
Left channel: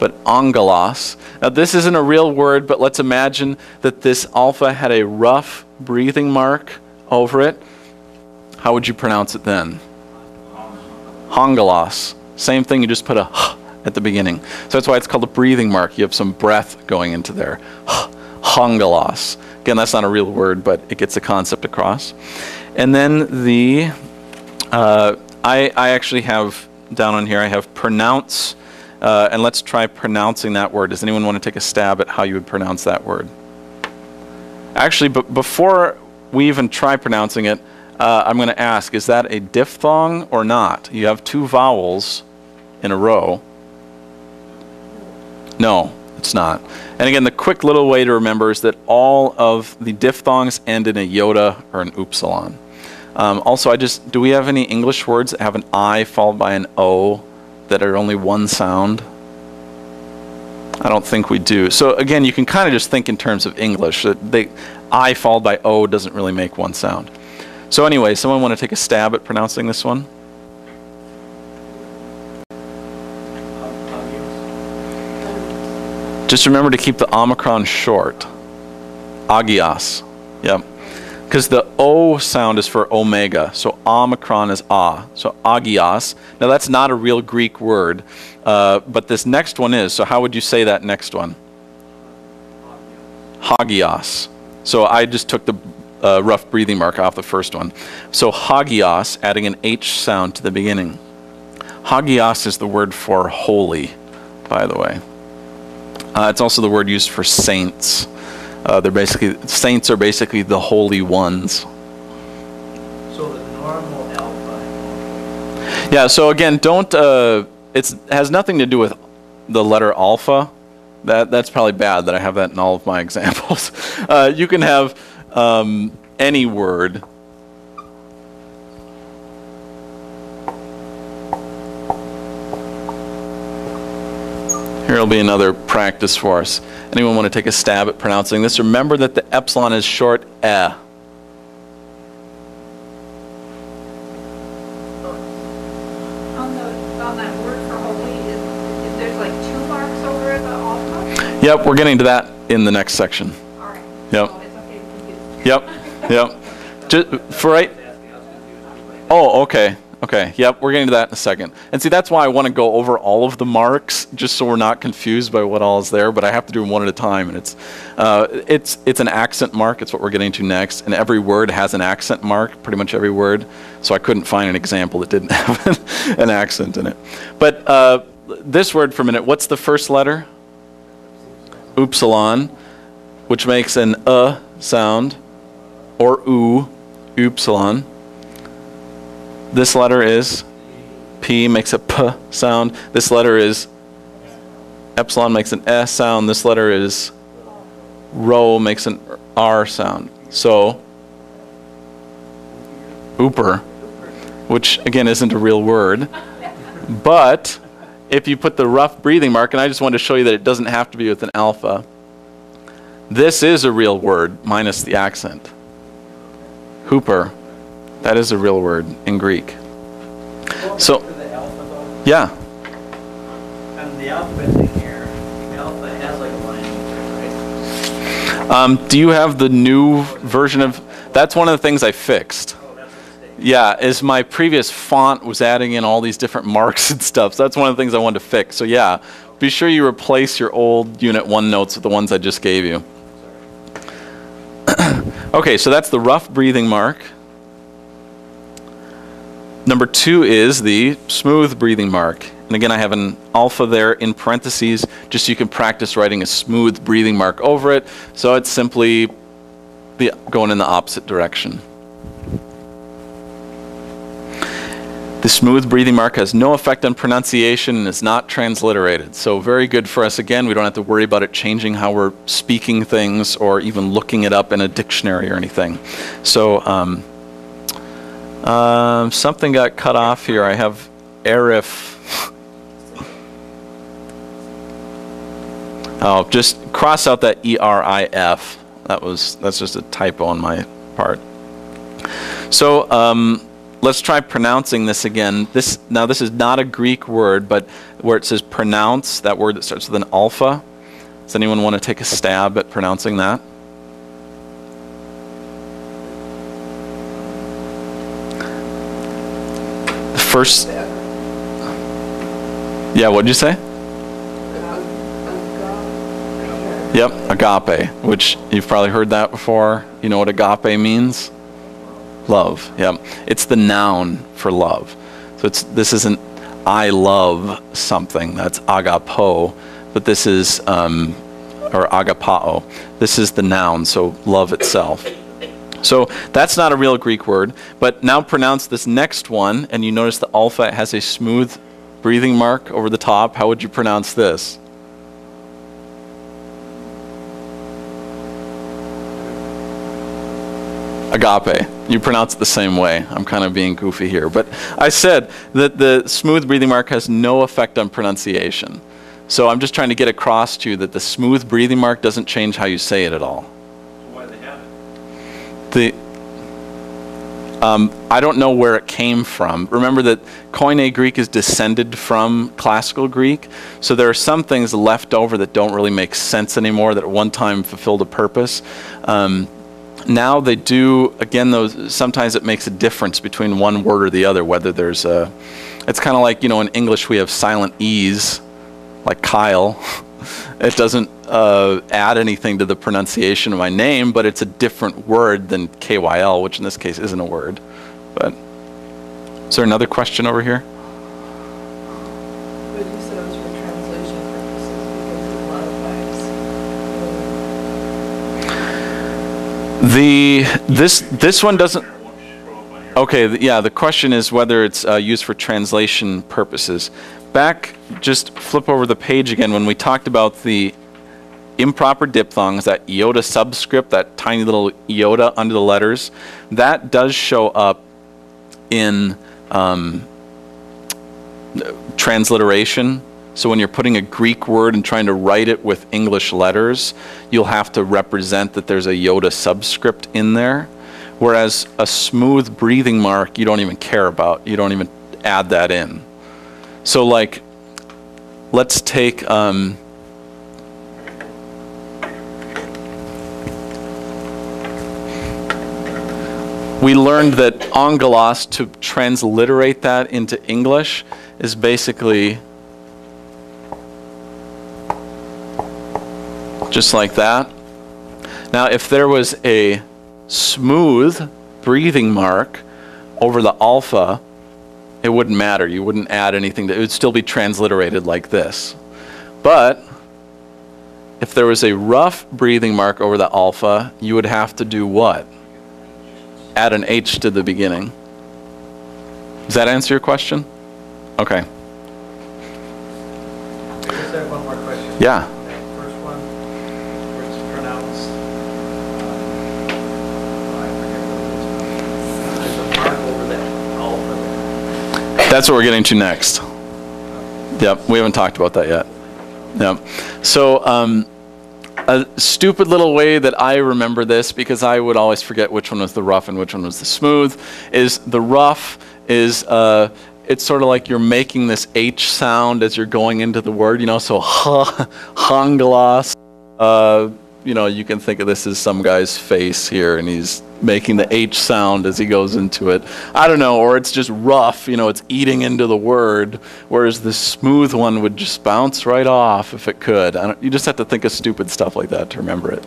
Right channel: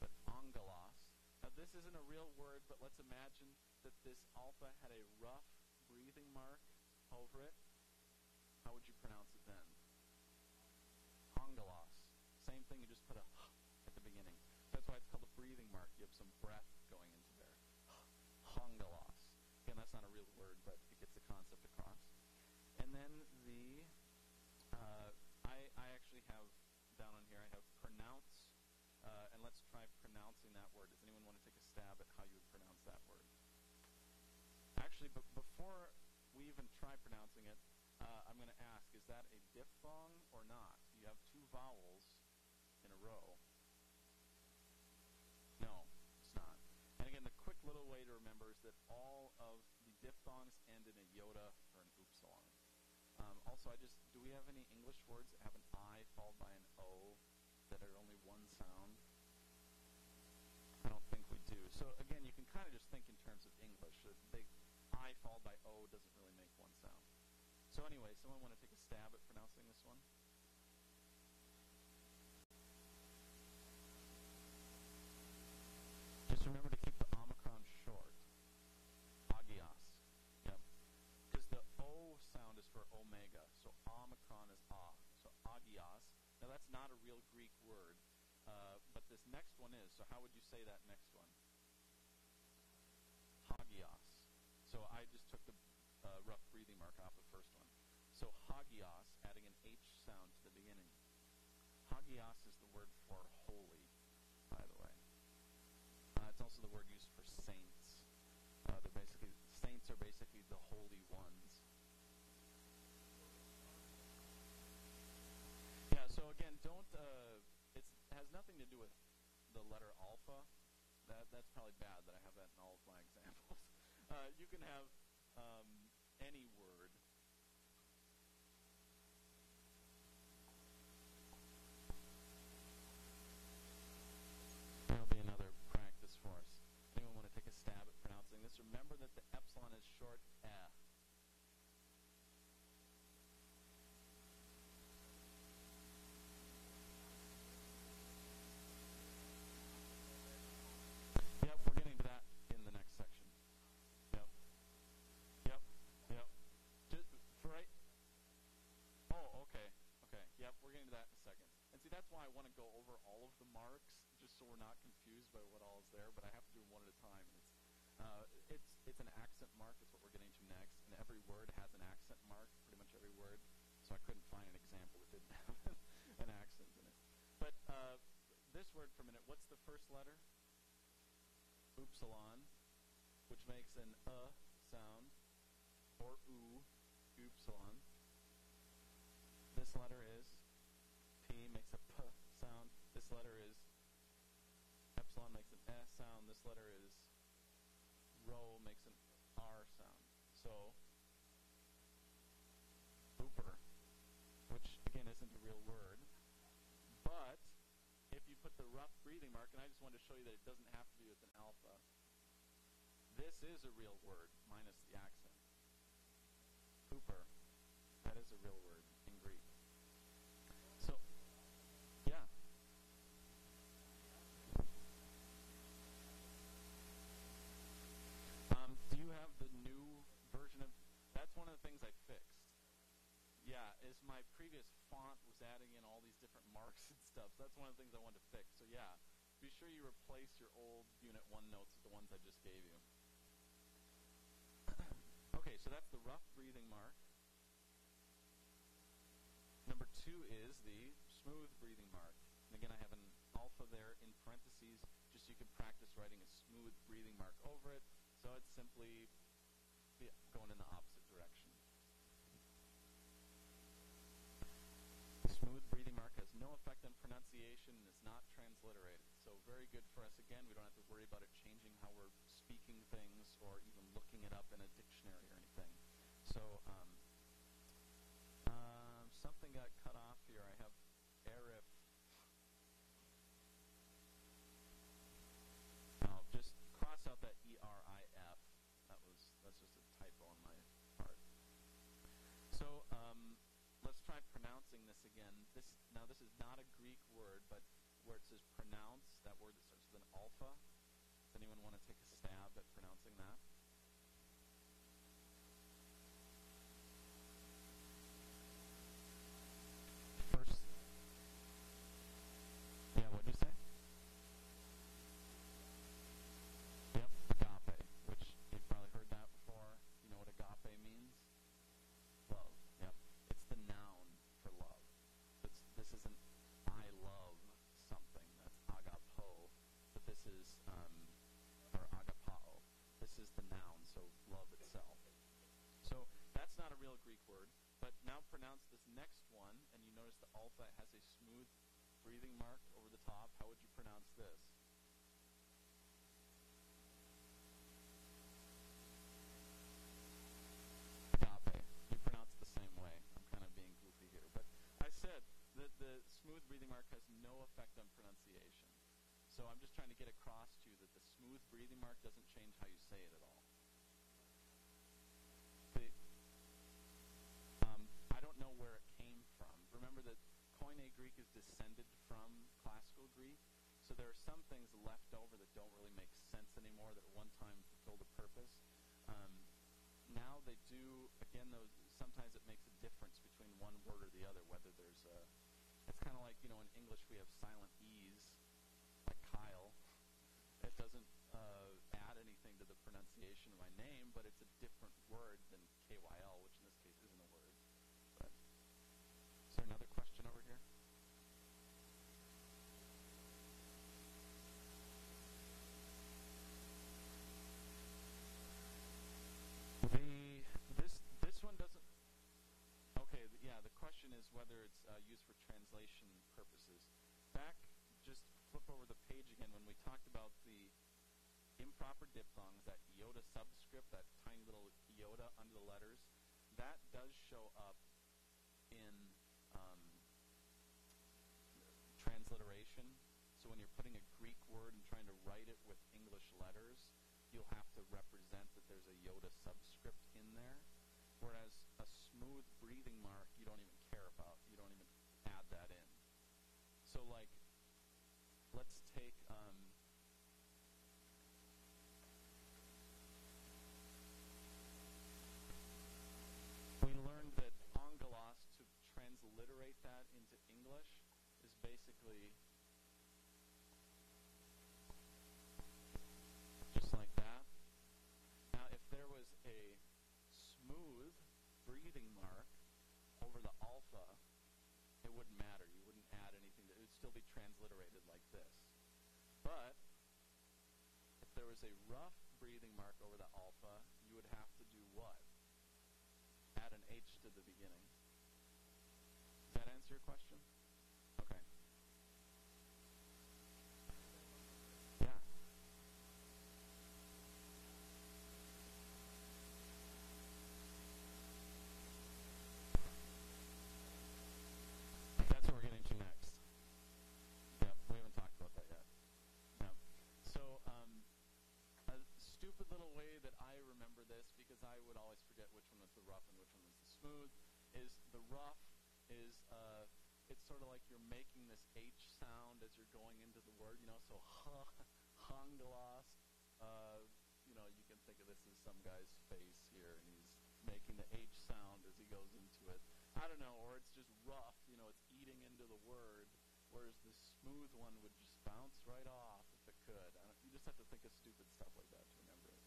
But angelos. Now this isn't a real word, but let's imagine that this alpha had a rough breathing mark over it. How would you pronounce it then? Angelos. Same thing, you just put a h at the beginning. So that's why it's called a breathing mark. You have some breath going into there. Angelos. Again, that's not a real word, but it gets the concept across. And then the, I actually have down on here, I have pronounce, and let's try pronouncing that word. Does anyone want to take a stab at how you would pronounce that word? Actually, but before we even try pronouncing it, I'm going to ask, is that a diphthong or not? You have two vowels in a row. No. It's not. And again, the quick little way to remember is that all of the diphthongs end in a iota or an upsilon. Also, do we have any English words that have an I followed by an O that are only one sound? I don't think we do. So again, you can kind of just think in terms of English. That I followed by O doesn't really make one sound. So anyway, someone want to take a stab at pronouncing this one? Just remember to keep the omicron short. Agios. Yep. Because the O sound is for omega, so omicron is A. So agios. Now that's not a real Greek word, but this next one is. So how would you say that next one? Hagios. So I just took the rough breathing mark off the first one. So hagios, adding an H sound to the beginning. Hagios is the word for holy, by the way. It's also the word used for saints. Saints are basically the holy ones. So the normal alpha. Yeah, so again, it has nothing to do with the letter alpha. That's probably bad that I have that in all of my examples. You can have any word. Here will be another practice for us. Anyone want to take a stab at pronouncing this? Remember that the epsilon is short e. On that word for holy, there's like 2 marks over the alpha? Yep, we're getting to that in the next section. All right. Yep. So it's okay to confuse. Yep. Just for right. Oh, okay. Okay, yep, we're getting to that in a second. And see, that's why I want to go over all of the marks, just so we're not confused by what all is there, but I have to do them one at a time. And it's an accent mark, it's what we're getting to next, and every word has an accent mark, pretty much every word, so I couldn't find an example that didn't have an accent in it. But this word for a minute, what's the first letter? Upsilon, which makes an sound, or upsilon. This letter is P, makes a P sound. This letter is epsilon, makes an S sound. This letter is Rho, makes an R sound. So, ooper, which again isn't a real word. But if you put the rough breathing mark, and I just wanted to show you that it doesn't have to be with an alpha, this is a real word minus the accent. Hooper. That is a real word in Greek. So, yeah. And the alphabet thing here, the alpha has like a line, Do you have the new version of? That's one of the things I fixed. Yeah, is my previous font was adding in all these different marks and stuff. So that's one of the things I wanted to fix. So yeah, be sure you replace your old Unit 1 notes with the ones I just gave you. Okay, so that's the rough breathing mark. Number 2 is the smooth breathing mark. And again, I have an alpha there in parentheses, just so you can practice writing a smooth breathing mark over it. So it's simply going in the opposite direction. The smooth breathing mark has no effect on pronunciation and is not transliterated. So very good for us. Again, we don't have to worry about it changing how we're speaking things or even looking it up in a dictionary or anything. So something got cut off here. I have arif. Oh, just cross out that ERIF. That's just a typo on my part. So let's try pronouncing this again. Now this is not a Greek word, but where it says pronounce, that word that starts with an alpha. Does anyone want to take a stab at pronouncing that? First, yeah, what'd you say? Yep, agape, which you've probably heard that before. You know what agape means? Love, yep. It's the noun for love. So this isn't I love something, that's agapo, but this is, or agapao. This is the noun, so love itself. So that's not a real Greek word, but now pronounce this next one, and you notice the alpha has a smooth breathing mark over the top. How would you pronounce this? Agape. You pronounce it the same way. I'm kind of being goofy here, but I said that the smooth breathing mark has no effect on pronunciation. So I'm just trying to get across to you that the smooth breathing mark doesn't change how you say it at all. Why do they have it? I don't know where it came from. Remember that Koine Greek is descended from classical Greek, so there are some things left over that don't really make sense anymore that at one time fulfilled a purpose. Now they do, again, sometimes it makes a difference between one word or the other, whether there's it's kind of like, you know, in English we have silent E's, like Kyle. It doesn't add anything to the pronunciation of my name, but it's a different word than KYL, which in this case isn't a word. But is there another question over here? But you said it was for translation purposes because it modifies. This one doesn't. Okay, yeah. The question is whether it's used for translation purposes. Back, just flip over the page again. When we talked about the improper diphthongs, that iota subscript, that tiny little iota under the letters, that does show up in transliteration. So when you're putting a Greek word and trying to write it with English letters, you'll have to represent that there's a iota subscript in there. Whereas a smooth breathing mark, you don't even care about. You don't even add that in. So like, let's take, we learned that angelos, to transliterate that into English, is basically just like that. Now, if there was a smooth breathing mark over the alpha, it wouldn't matter. You wouldn't add anything. It would still be transliterated like this. But if there was a rough breathing mark over the alpha, you would have to do what? Add an H to the beginning. Does that answer your question? Okay. I just have one more question. Yeah. First one, where it's pronounced, I forget what it is. There's a mark over that alpha there. That's what we're getting to next. Yep, we haven't talked about that yet. Yep. So a stupid little way that I remember this, because I would always forget which one was the rough and which one was the smooth, is the rough is, it's sort of like you're making this H sound as you're going into the word, you know, so hangelos, you know, you can think of this as some guy's face here, and he's making the H sound as he goes into it. I don't know, or it's just rough, you know, it's eating into the word, whereas the smooth one would just bounce right off if it could. You just have to think of stupid stuff like that to remember it.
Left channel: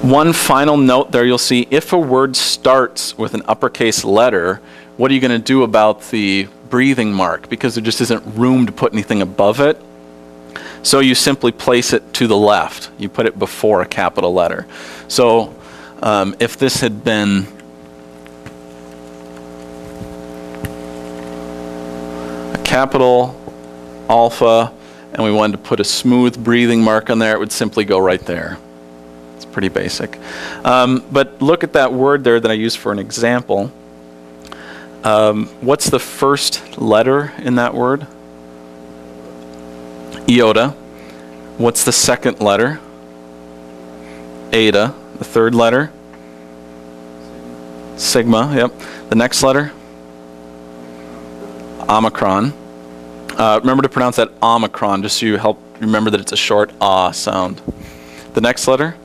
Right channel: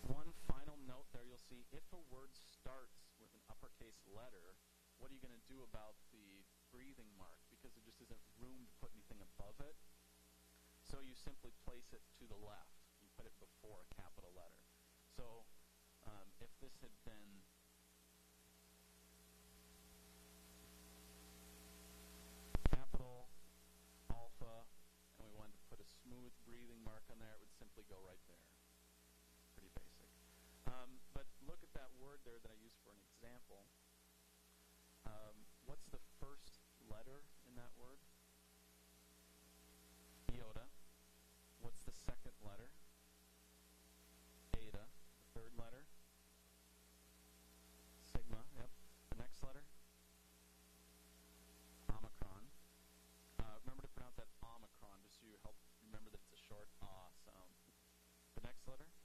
One final note there, you'll see if a word starts with an uppercase letter, what are you going to do about the breathing mark? Because there just isn't room to put anything above it. So you simply place it to the left. You put it before a capital letter. So if this had been a capital alpha and we wanted to put a smooth breathing mark on there, it would simply go right there. It's pretty basic. But look at that word there that I used for an example. What's the first letter in that word? Iota. What's the second letter? Eta. The third letter? Sigma, yep. The next letter? Omicron. Remember to pronounce that Omicron, just so you help remember that it's a short ah sound. The next letter?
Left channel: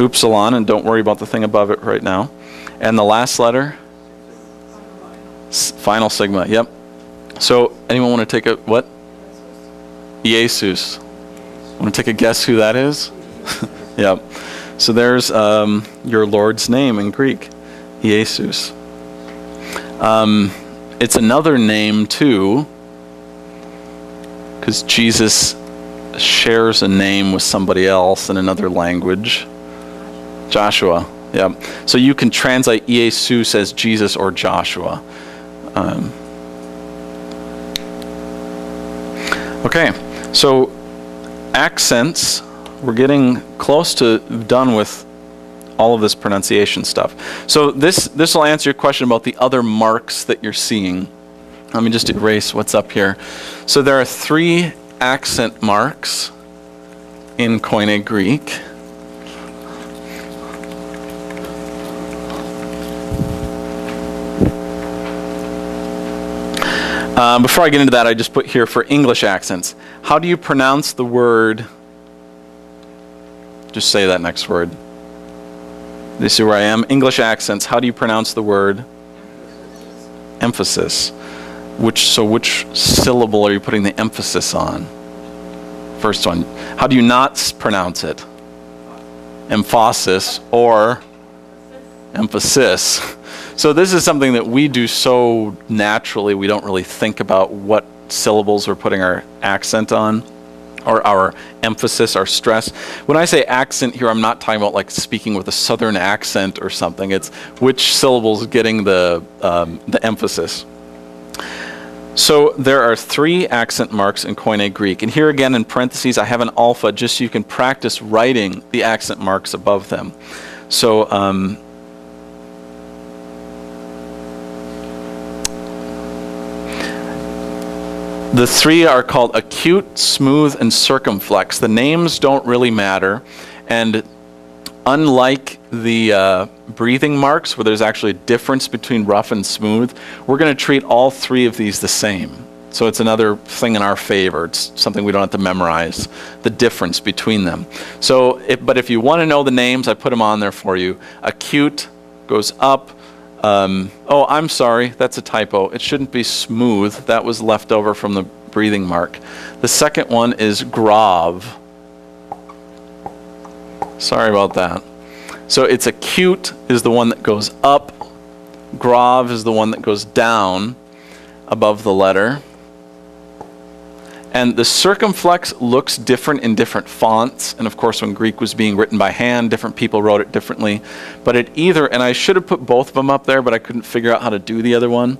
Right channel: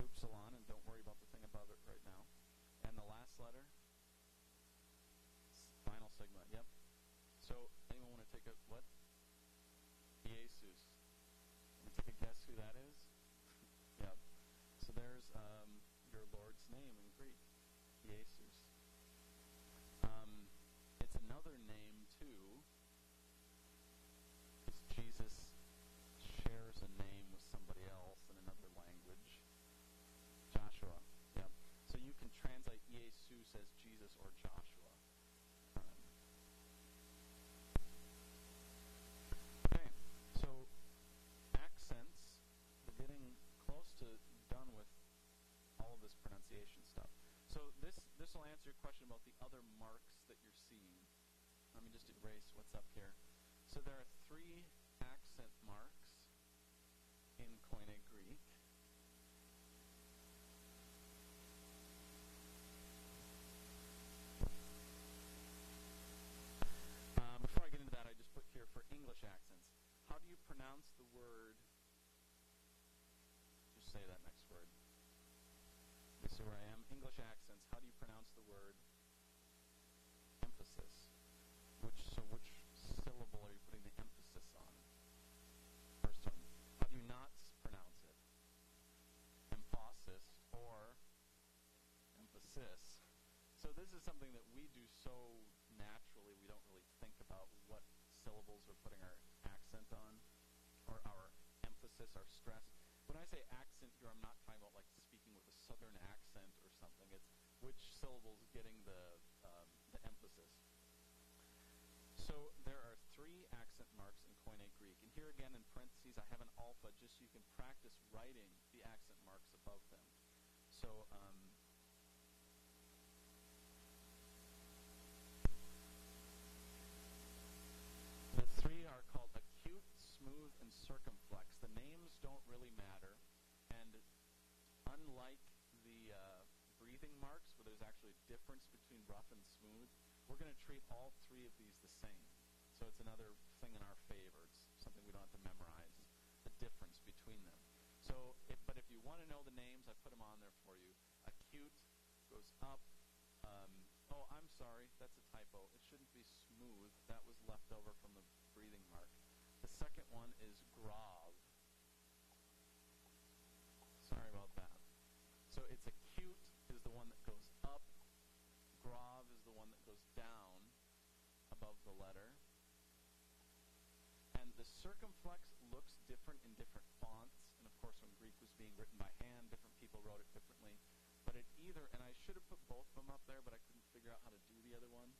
Upsilon, and don't worry about the thing above it right now. And the last letter? Final sigma, yep. So, anyone want to take a, what? Jesus. Want to take a guess who that is? Yep. So there's your Lord's name in Greek, Jesus. It's another name too, because Jesus shares a name with somebody else in another language. Joshua. Yeah. So you can translate Jesus as Jesus or Joshua. Okay. So accents, we're getting close to done with all of this pronunciation stuff. So this will answer your question about the other marks that you're seeing. Let me just erase what's up here. So there are 3 accent marks in Koine Greek. Before I get into that, I just put here for English accents. How do you pronounce the word? Just say that next word. You see where I am? English accents. How do you pronounce the word? Emphasis. Which syllable are you putting the emphasis on? First one. How do you not pronounce it? Emphasis or emphasis. So this is something that we do so naturally, we don't really think about what syllables we're putting our accent on, or our emphasis, our stress. When I say accent here, I'm not talking about like speaking with a southern accent or something. It's which syllable's getting the emphasis. So there are 3 accent marks in Koine Greek. And here again in parentheses, I have an alpha just so you can practice writing the accent marks above them. So the 3 are called acute, smooth, and circumflex. The names don't really matter, and unlike the breathing marks, where there's actually a difference between rough and smooth, we're going to treat all 3 of these the same. So it's another thing in our favor. It's something we don't have to memorize, the difference between them. So, but if you want to know the names, I put them on there for you. Acute goes up. Oh, I'm sorry, that's a typo. It shouldn't be smooth. That was left over from the breathing mark. The second one is grave. Sorry about that. So it's acute is the one that goes up. Grave is the one that goes down above the letter. And the circumflex looks different in different fonts. And of course, when Greek was being written by hand, different people wrote it differently. But it either, and I should have put both of them up there, but I couldn't figure out how to do the other one.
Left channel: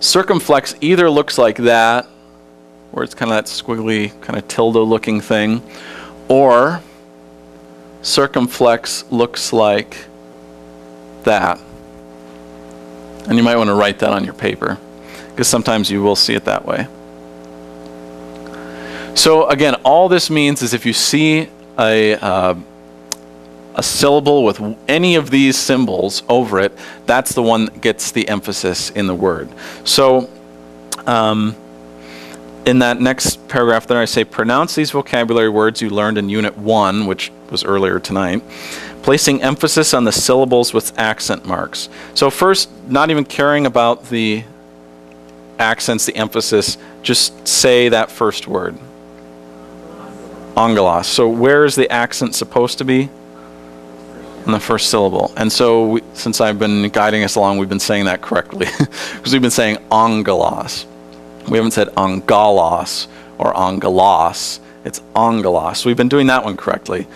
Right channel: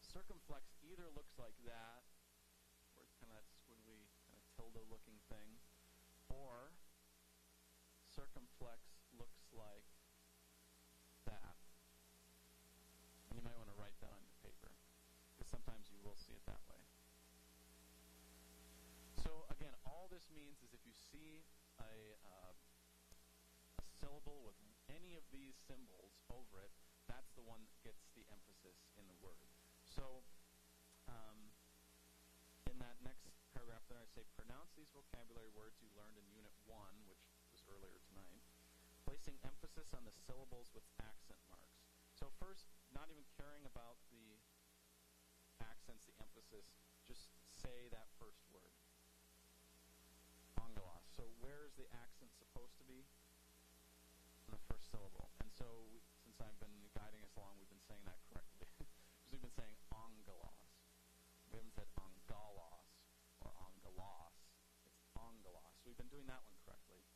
Circumflex either looks like that, where it's kind of that squiggly, kind of tilde looking thing, or circumflex looks like that. And you might want to write that on your paper, because sometimes you will see it that way. So again, all this means is if you see a syllable with any of these symbols over it, that's the one that gets the emphasis in the word. So in that next paragraph there I say, pronounce these vocabulary words you learned in Unit 1, which was earlier tonight, placing emphasis on the syllables with accent marks. So first, not even caring about the accents, the emphasis, just say that first word. Angelos. So where is the accent supposed to be? On the first syllable. And so since I've been guiding us along, we've been saying that correctly. Because we've been saying angelos. We haven't said angelos or angelos. It's angelos. We've been doing that one correctly.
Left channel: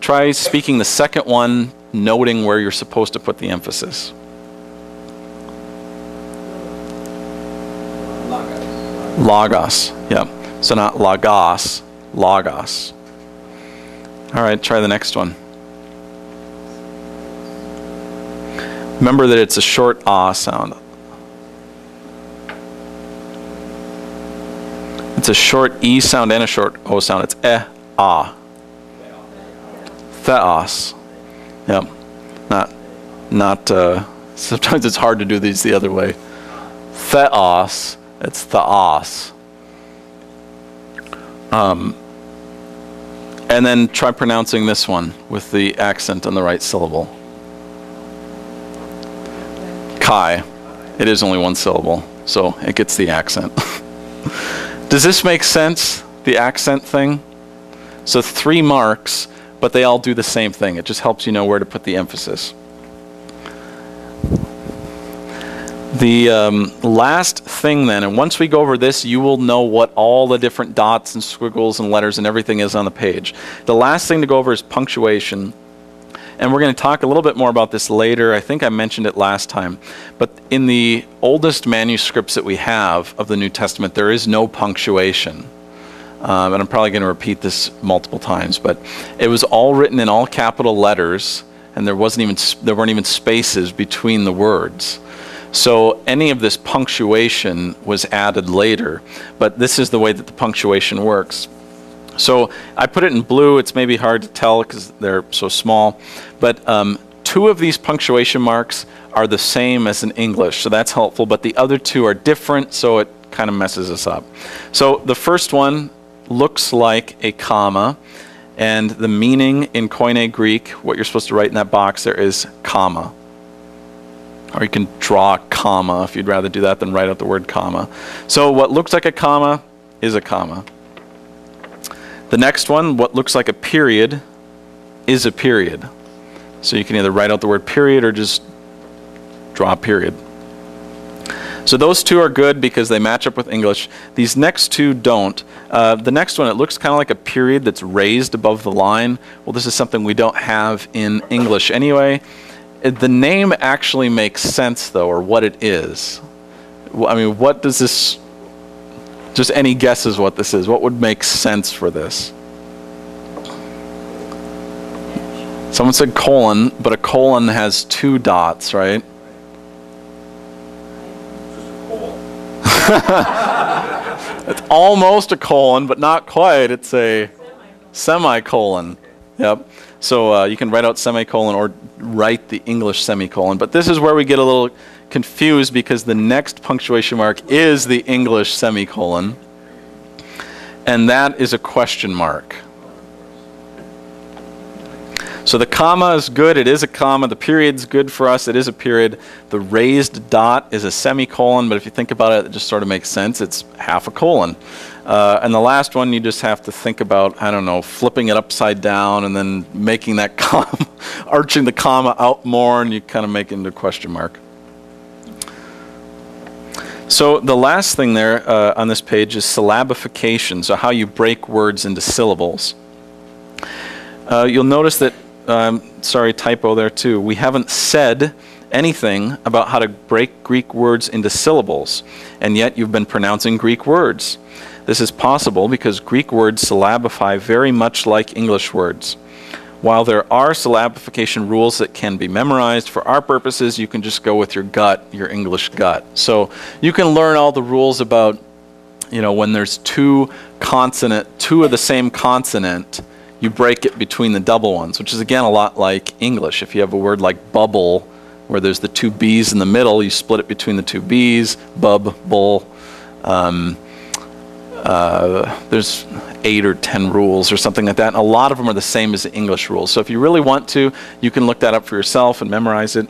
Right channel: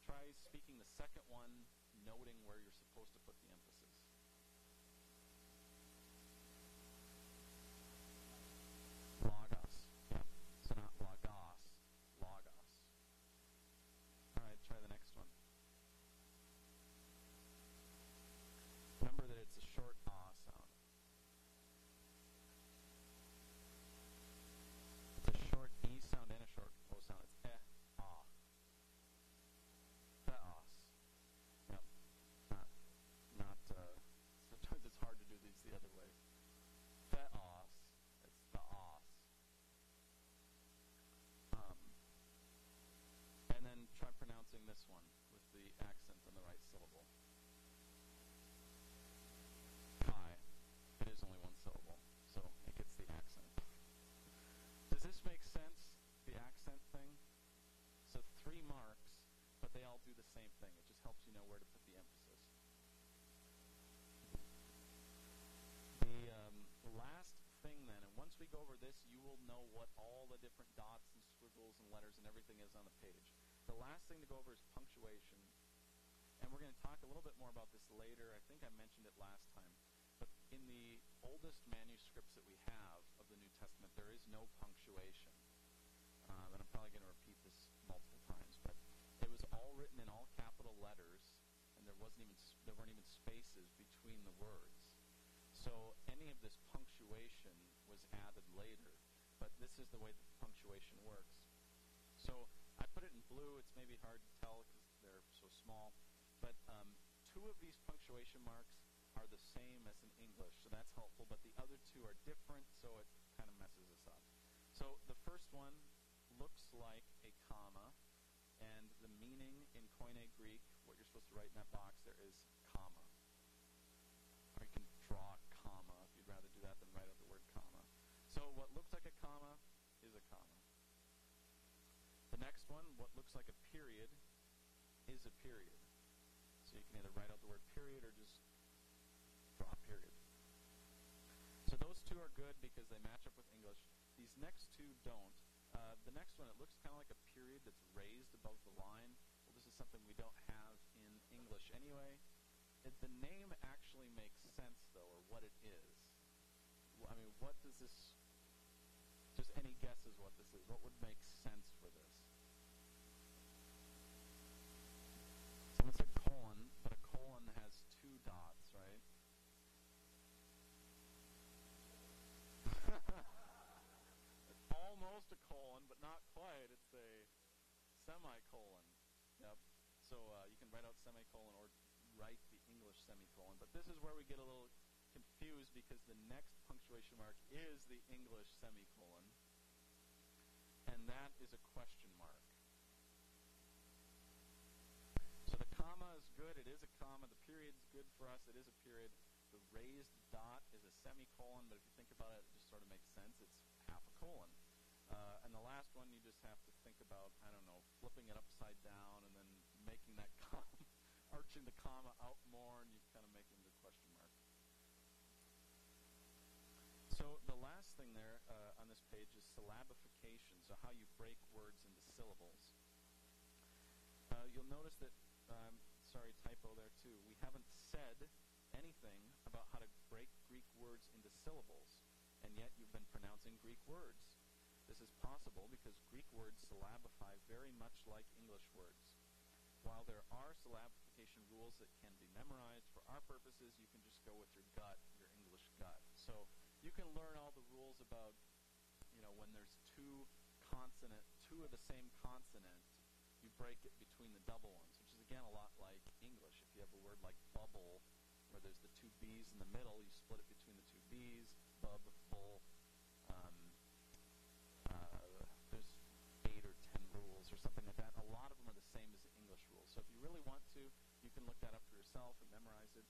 Try speaking the second one, noting where you're supposed to put the emphasis. Logos. Yep. So not logos, logos. All right, try the next one. Remember that it's a short ah sound. It's a short E sound and a short O sound. It's ah. Theos. Yep. Not, sometimes it's hard to do these the other way. Theos. It's theos. And then try pronouncing this one with the accent on the right syllable. Kai. It is only one syllable, so it gets the accent. Does this make sense, the accent thing? So 3 marks, but they all do the same thing. It just helps you know where to put the emphasis. The last thing then, and once we go over this, you will know what all the different dots and squiggles and letters and everything is on the page. The last thing to go over is punctuation. And we're going to talk a little bit more about this later. I think I mentioned it last time. But in the oldest manuscripts that we have of the New Testament, there is no punctuation. And I'm probably going to repeat this multiple times, but it was all written in all capital letters, and there weren't even spaces between the words. So any of this punctuation was added later, but this is the way that the punctuation works. So I put it in blue. It's maybe hard to tell because they're so small, but 2 of these punctuation marks are the same as in English, so that's helpful, but the other 2 are different, so it kind of messes us up. So the first one looks like a comma, and the meaning in Koine Greek, what you're supposed to write in that box there is comma. Or you can draw a comma if you'd rather do that than write out the word comma. So what looks like a comma is a comma. The next one, what looks like a period, is a period. So you can either write out the word period or just draw a period. So those 2 are good because they match up with English. These next 2 don't. The next one, it looks kind of like a period that's raised above the line. Well, this is something we don't have in English anyway. The name actually makes sense, though, or what it is. I mean, what does this... Just any guesses what this is? What would make sense for this? Someone said colon, but a colon has 2 dots, right? It's almost a colon, but not quite. It's a semicolon. Yep. So you can write out semicolon or write the English semicolon. But this is where we get a little confused because the next punctuation mark is the English semicolon. And that is a question mark. So the comma is good. It is a comma. The period's good for us. It is a period. The raised dot is a semicolon. But if you think about it, it just sort of makes sense. It's half a colon. And the last one, you just have to think about, I don't know, flipping it upside down and then making that comma, arching the comma out more, and you kind of make it into a question mark. So the last thing there on this page is syllabification, so how you break words into syllables. You'll notice that, sorry, typo there too, we haven't said anything about how to break Greek words into syllables, and yet you've been pronouncing Greek words. This is possible because Greek words syllabify very much like English words. While there are syllabification rules that can be memorized, for our purposes, you can just go with your gut, your English gut. So you can learn all the rules about, you know, when there's 2 of the same consonant, you break it between the double ones, which is again a lot like English. If you have a word like bubble, where there's the 2 B's in the middle, you split it between the 2 B's, bub, bull. there's 8 or 10 rules or something like that, and a lot of them are the same as the English rules. So if you really want to, you can look that up for yourself and memorize it.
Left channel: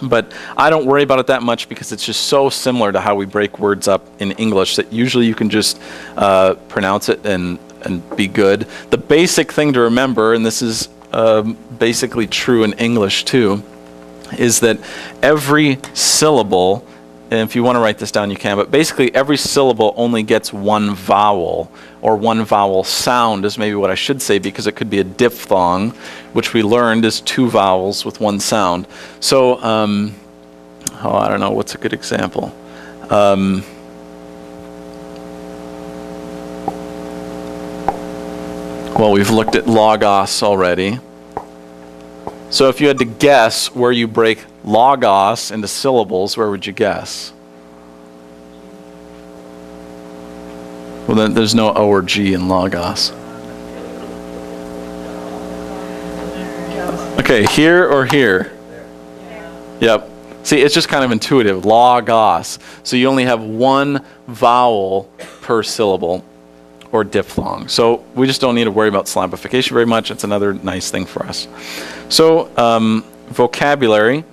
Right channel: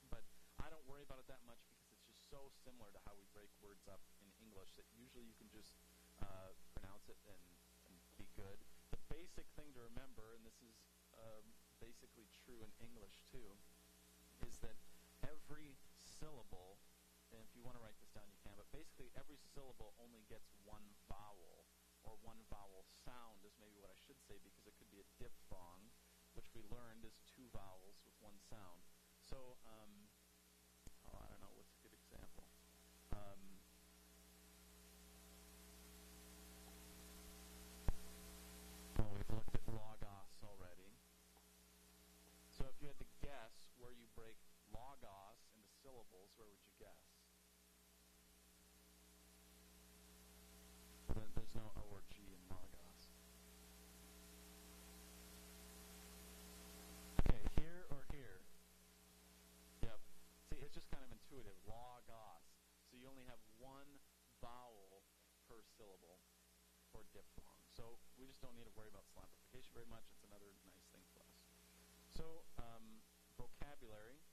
But I don't worry about it that much because it's just so similar to how we break words up in English that usually you can just pronounce it and be good. The basic thing to remember, and this is basically true in English too, is that every syllable, and if you want to write this down you can, but basically every syllable only gets one vowel, or one vowel sound is maybe what I should say, because it could be a diphthong, which we learned is 2 vowels with 1 sound. So, I don't know, what's a good example? Well, we've looked at logos already. So if you had to guess where you break logos into syllables, where would you guess? Well, then there's no O or G in logos. Okay, here or here? Yep. See, it's just kind of intuitive. Logos. So you only have 1 vowel per syllable, or diphthong. So we just don't need to worry about syllabification very much. It's another nice thing for us. So vocabulary,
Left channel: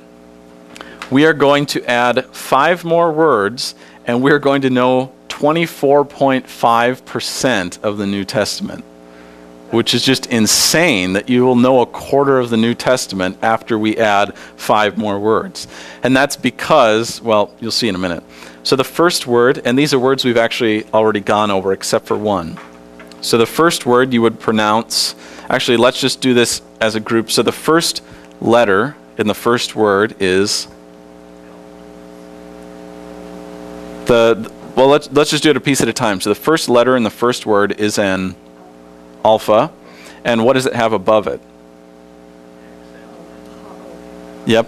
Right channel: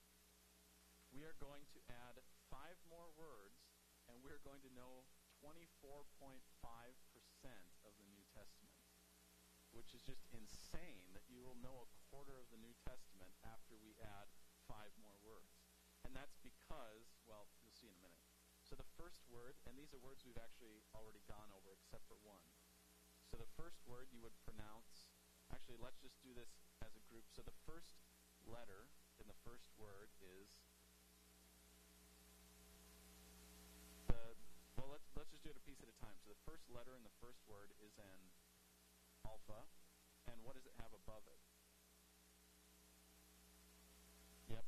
we are going to add 5 more words, and we're going to know 24.5% of the New Testament, which is just insane that you will know a quarter of the New Testament after we add 5 more words. And that's because, well, you'll see in a minute. So the first word, and these are words we've actually already gone over except for one. So the first word you would pronounce, actually let's just do this as a group. So the first letter in the first word is well, let's just do it a piece at a time. So the first letter in the first word is an alpha, and what does it have above it? Yep.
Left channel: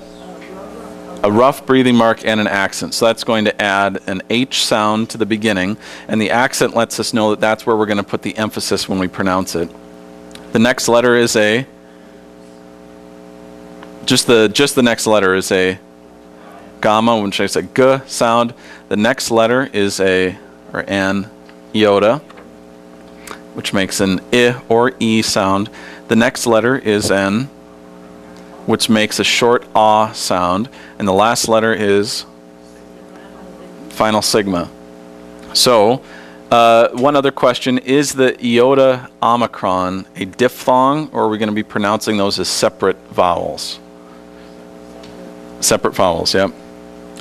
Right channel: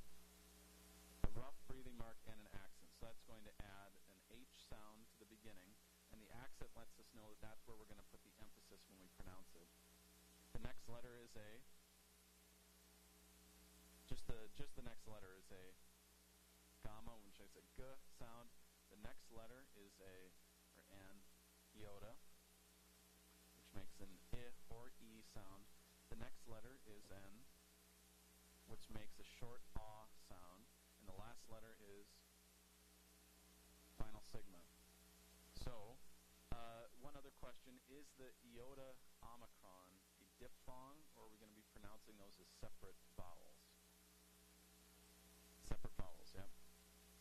A rough breathing mark and an accent. So that's going to add an H sound to the beginning, and the accent lets us know that that's where we're going to put the emphasis when we pronounce it. The next letter is a, just the next letter is a gamma, which is a G sound. The next letter is a, or an iota, which makes an I or E sound. The next letter is an, which makes a short ah sound, and the last letter is final sigma. So, one other question, is the iota omicron a diphthong, or are we going to be pronouncing those as separate vowels? Separate vowels, yep.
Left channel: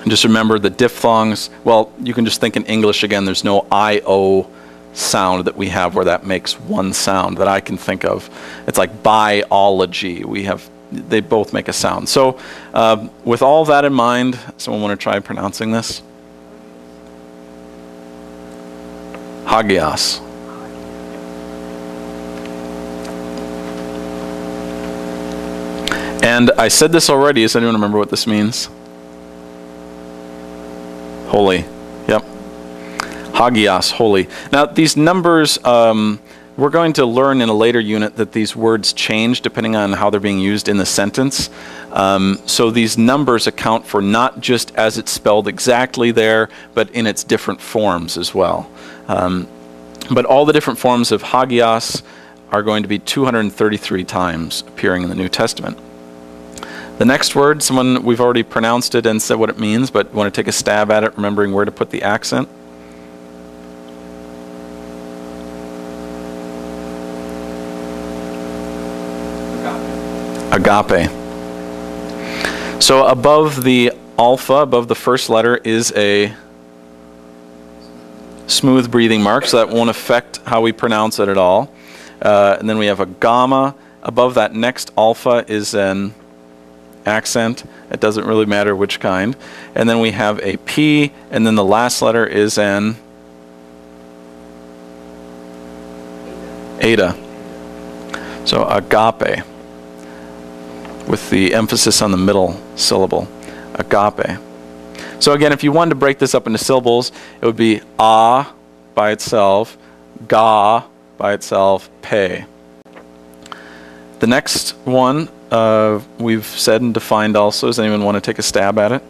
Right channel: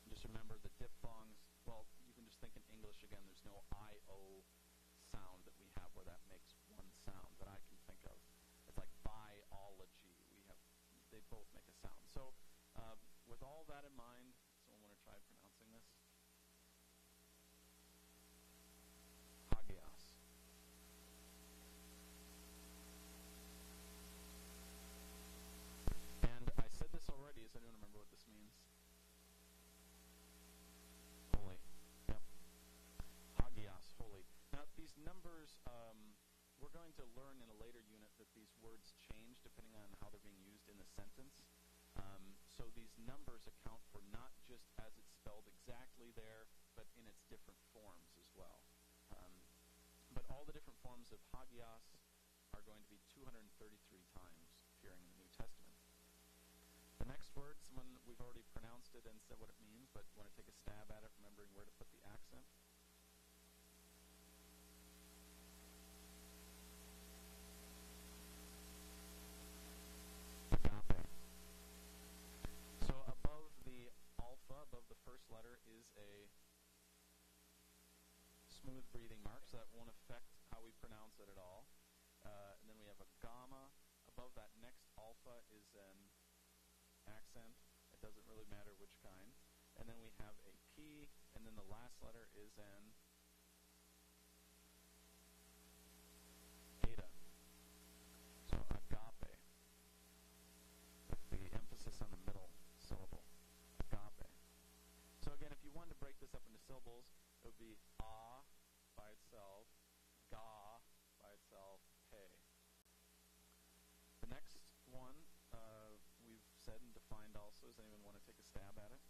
And just remember the diphthongs, well, you can just think in English again, there's no I-O sound that we have where that makes one sound that I can think of. It's like biology. They both make a sound. So with all that in mind, someone want to try pronouncing this? Hagios. And I said this already. Does anyone remember what this means? Holy. Yep. Hagios, holy. Now these numbers, we're going to learn in a later unit that these words change depending on how they're being used in the sentence. So these numbers account for not just as it's spelled exactly there, but in its different forms as well. But all the different forms of hagios are going to be 233 times appearing in the New Testament. The next word, we've already pronounced it and said what it means, but want to take a stab at it, remembering where to put the accent? Agape. So above the alpha, above the first letter, is a smooth breathing mark, so that won't affect how we pronounce it at all. And then we have a gamma. Above that next alpha is an accent. It doesn't really matter which kind. And then we have a P, and then the last letter is an eta. So agape, with the emphasis on the middle syllable, agape. So again, if you wanted to break this up into syllables, it would be a by itself, ga by itself, pe. The next one we've said and defined also. Does anyone want to take a stab at it?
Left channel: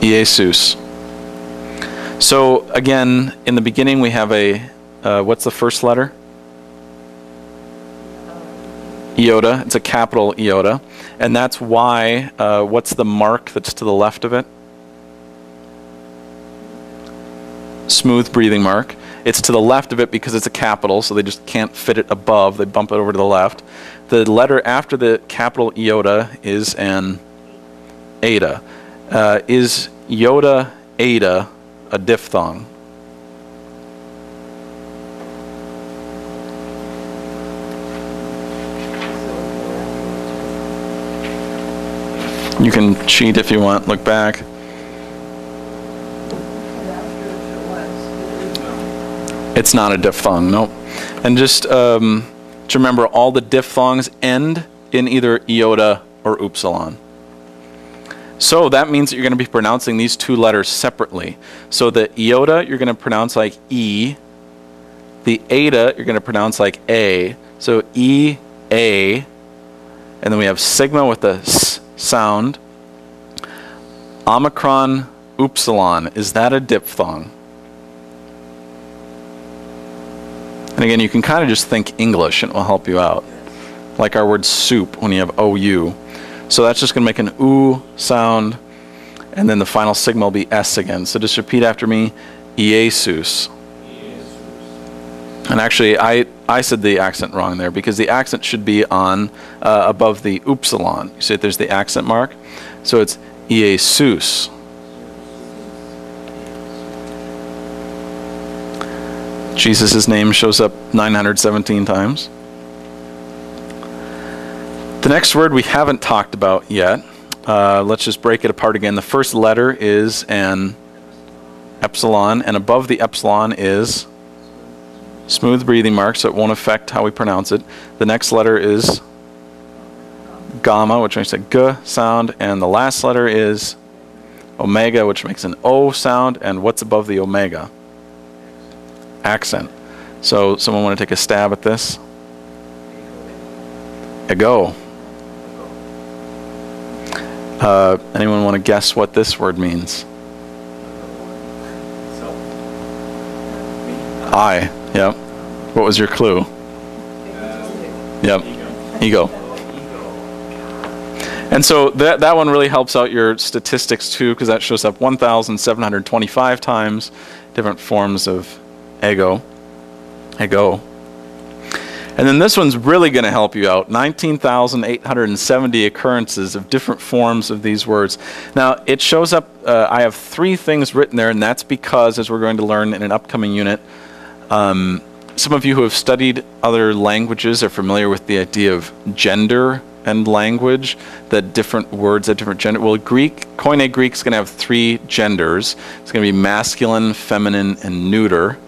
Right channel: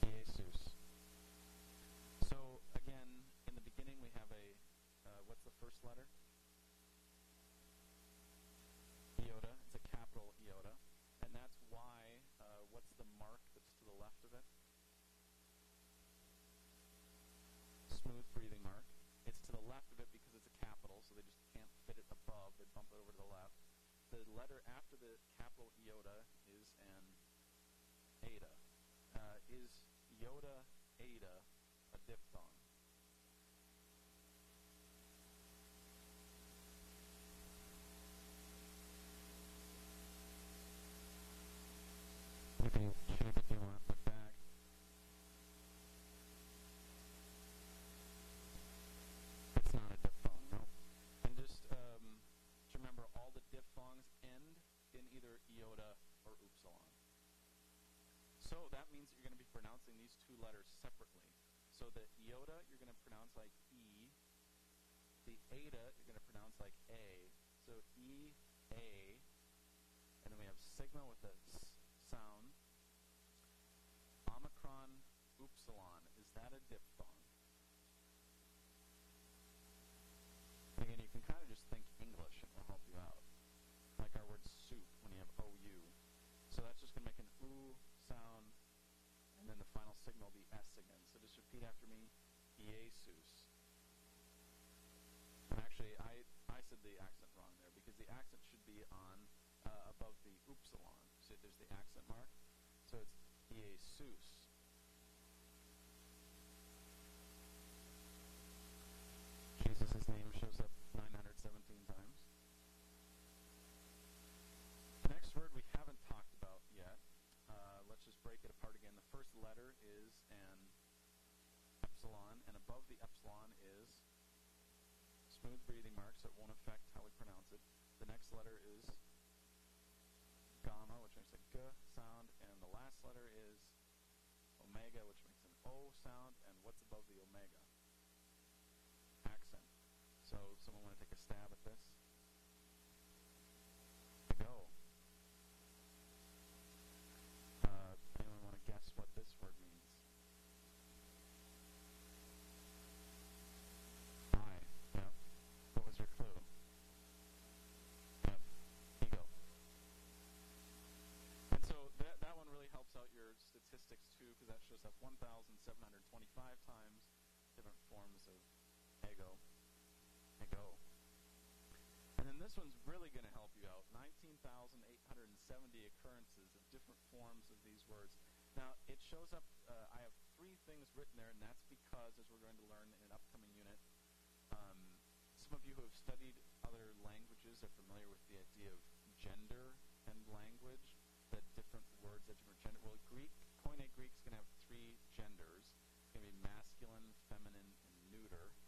Jesus. So again, in the beginning we have a, what's the first letter? Iota. It's a capital iota. And that's why, what's the mark that's to the left of it? Smooth breathing mark. It's to the left of it because it's a capital, so they just can't fit it above. They bump it over to the left. The letter after the capital iota is an eta. Is iota eta a diphthong? You can cheat if you want. Look back. It's not a diphthong, nope. And just remember, all the diphthongs end in either iota or upsilon. So that means that you're going to be pronouncing these two letters separately. So the iota you're going to pronounce like E. The eta you're going to pronounce like A. So E, A. And then we have sigma with the S sound. Omicron, upsilon. Is that a diphthong? And again, you can kind of just think English and it will help you out. Like our word soup when you have OU. So that's just going to make an oo sound. And then the final sigma will be S again. So just repeat after me. Iesus. And actually, I said the accent wrong there because the accent should be on above the upsilon. You see there's the accent mark. So it's Iesus. Jesus' name shows up 917 times. The next word we haven't talked about yet. Let's just break it apart again. The first letter is an epsilon, and above the epsilon is smooth breathing mark, so it won't affect how we pronounce it. The next letter is gamma, which makes a G sound, and the last letter is omega, which makes an O sound, and what's above the omega? Accent. So someone want to take a stab at this? Ego. Anyone want to guess what this word means? I. Yep. What was your clue? Yep. Ego. And so that one really helps out your statistics too, because that shows up 1,725 times, different forms of ego. And then this one's really going to help you out. 19,870 occurrences of different forms of these words. Now, it shows up, I have 3 things written there, and that's because, as we're going to learn in an upcoming unit, some of you who have studied other languages are familiar with the idea of gender and language, that different words have different gender. Well, Koine Greek is going to have 3 genders. It's going to be masculine, feminine, and neuter.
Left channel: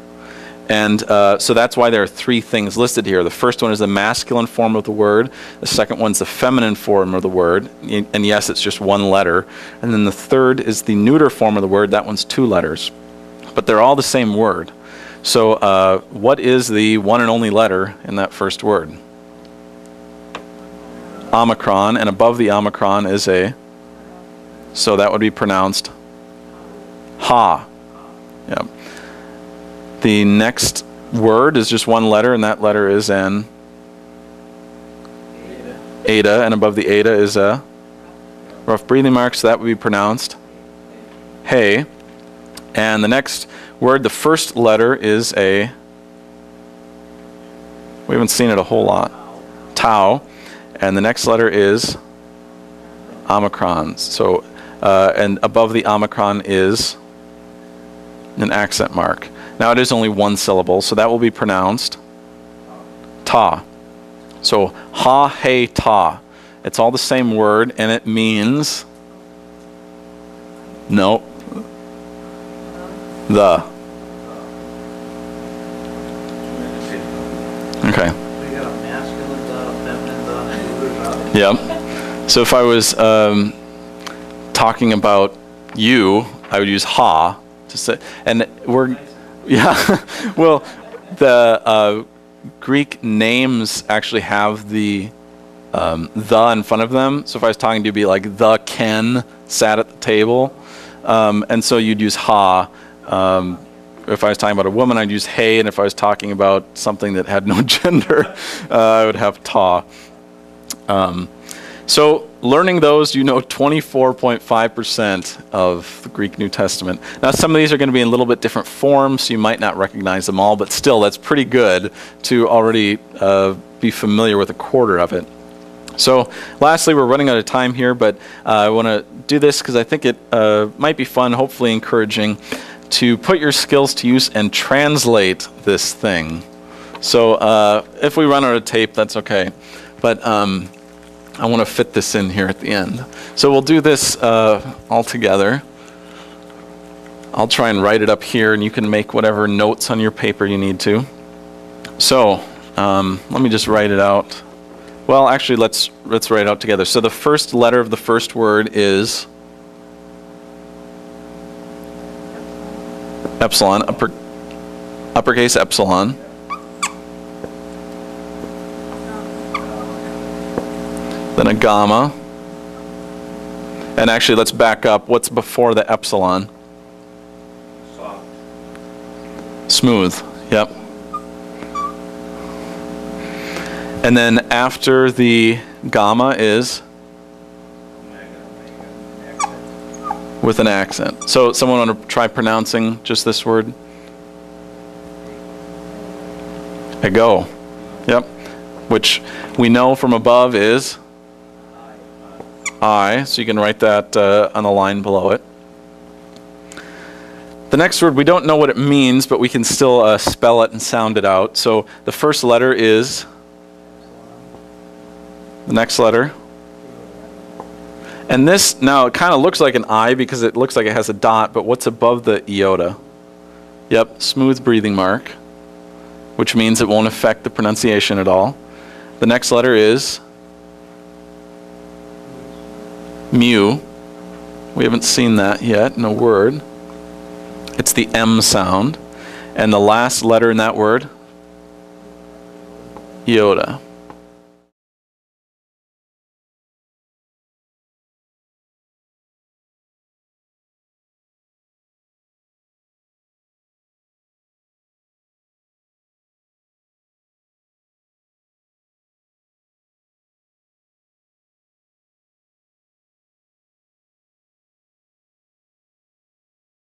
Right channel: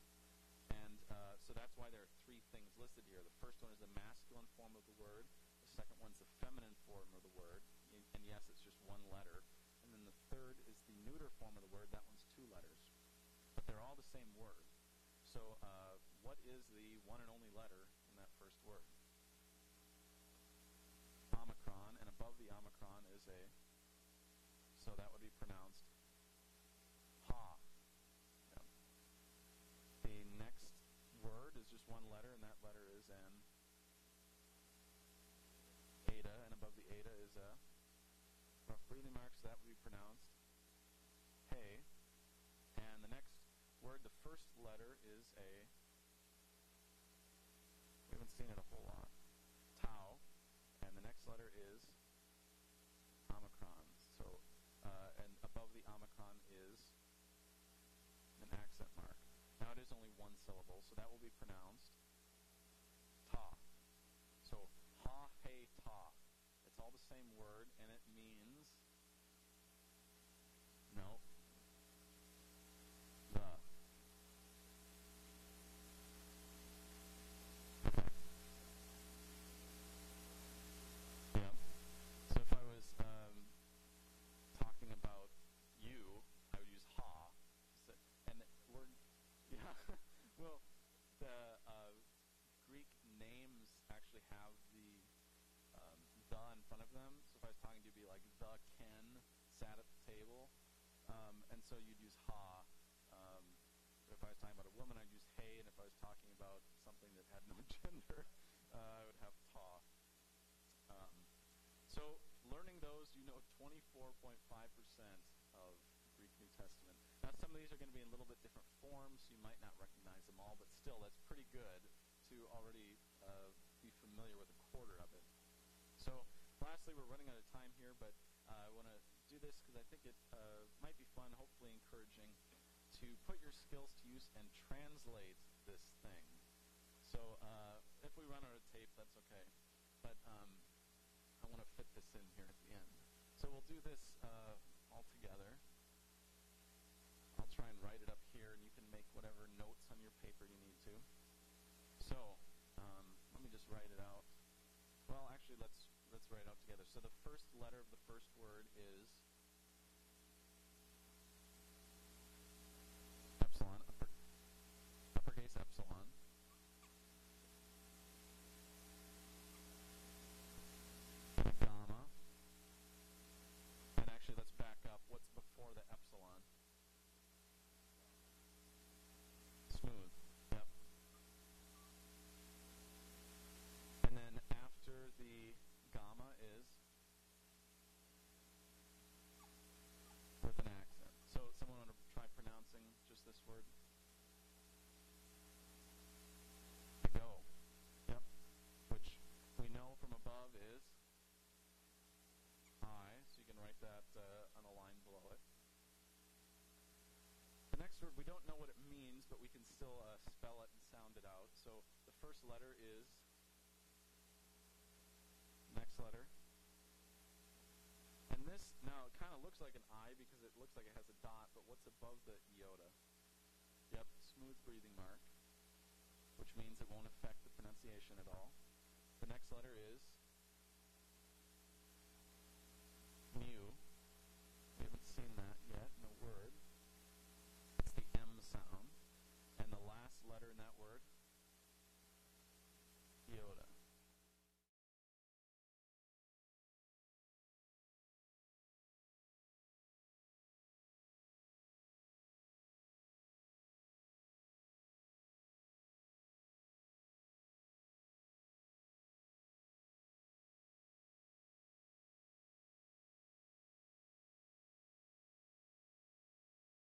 And so that's why there are 3 things listed here. The first one is the masculine form of the word. The second one's the feminine form of the word. And yes, it's just 1 letter. And then the third is the neuter form of the word. That one's 2 letters. But they're all the same word. So what is the one and only letter in that first word? Omicron. And above the omicron is a, so that would be pronounced ha. Yep. The next word is just 1 letter, and that letter is an eta, and above the eta is a rough breathing mark, so that would be pronounced hey. And the next word, the first letter is a, we haven't seen it a whole lot, tau, and the next letter is omicron. So, and above the omicron is an accent mark. Now it is only 1 syllable, so that will be pronounced ta. So ha, hey, ta. It's all the same word, and it means no, the. Okay. We got a masculine, feminine, neuter. Yep. So if I was talking about you, I would use ha to say, and we're. Yeah, well, the Greek names actually have the in front of them. So if I was talking to you, it'd be like the Ken sat at the table. And so you'd use ha. If I was talking about a woman, I'd use he, and if I was talking about something that had no gender, I would have ta. So learning those, you know 24.5% of the Greek New Testament. Now some of these are going to be in a little bit different forms, so you might not recognize them all, but still that's pretty good to already be familiar with a quarter of it. So lastly, we're running out of time here, but I want to do this because I think it might be fun, hopefully encouraging, to put your skills to use and translate this thing. So if we run out of tape, that's okay. But I want to fit this in here at the end. So we'll do this all together. I'll try and write it up here, and you can make whatever notes on your paper you need to. So let me just write it out. Well, actually, let's write it out together. So the first letter of the first word is epsilon, uppercase epsilon. Then a gamma. And actually, let's back up. What's before the epsilon? Soft. Smooth. Yep. And then after the gamma is with an accent. So someone want to try pronouncing just this word? Ego. Yep. Which we know from above is I. So you can write that on the line below it. The next word, we don't know what it means, but we can still spell it and sound it out. So the first letter is the next letter. And this, now it kind of looks like an I because it looks like it has a dot, but what's above the iota? Yep, smooth breathing mark, which means it won't affect the pronunciation at all. The next letter is mu. We haven't seen that yet in a word. It's the M sound. And the last letter in that word, iota.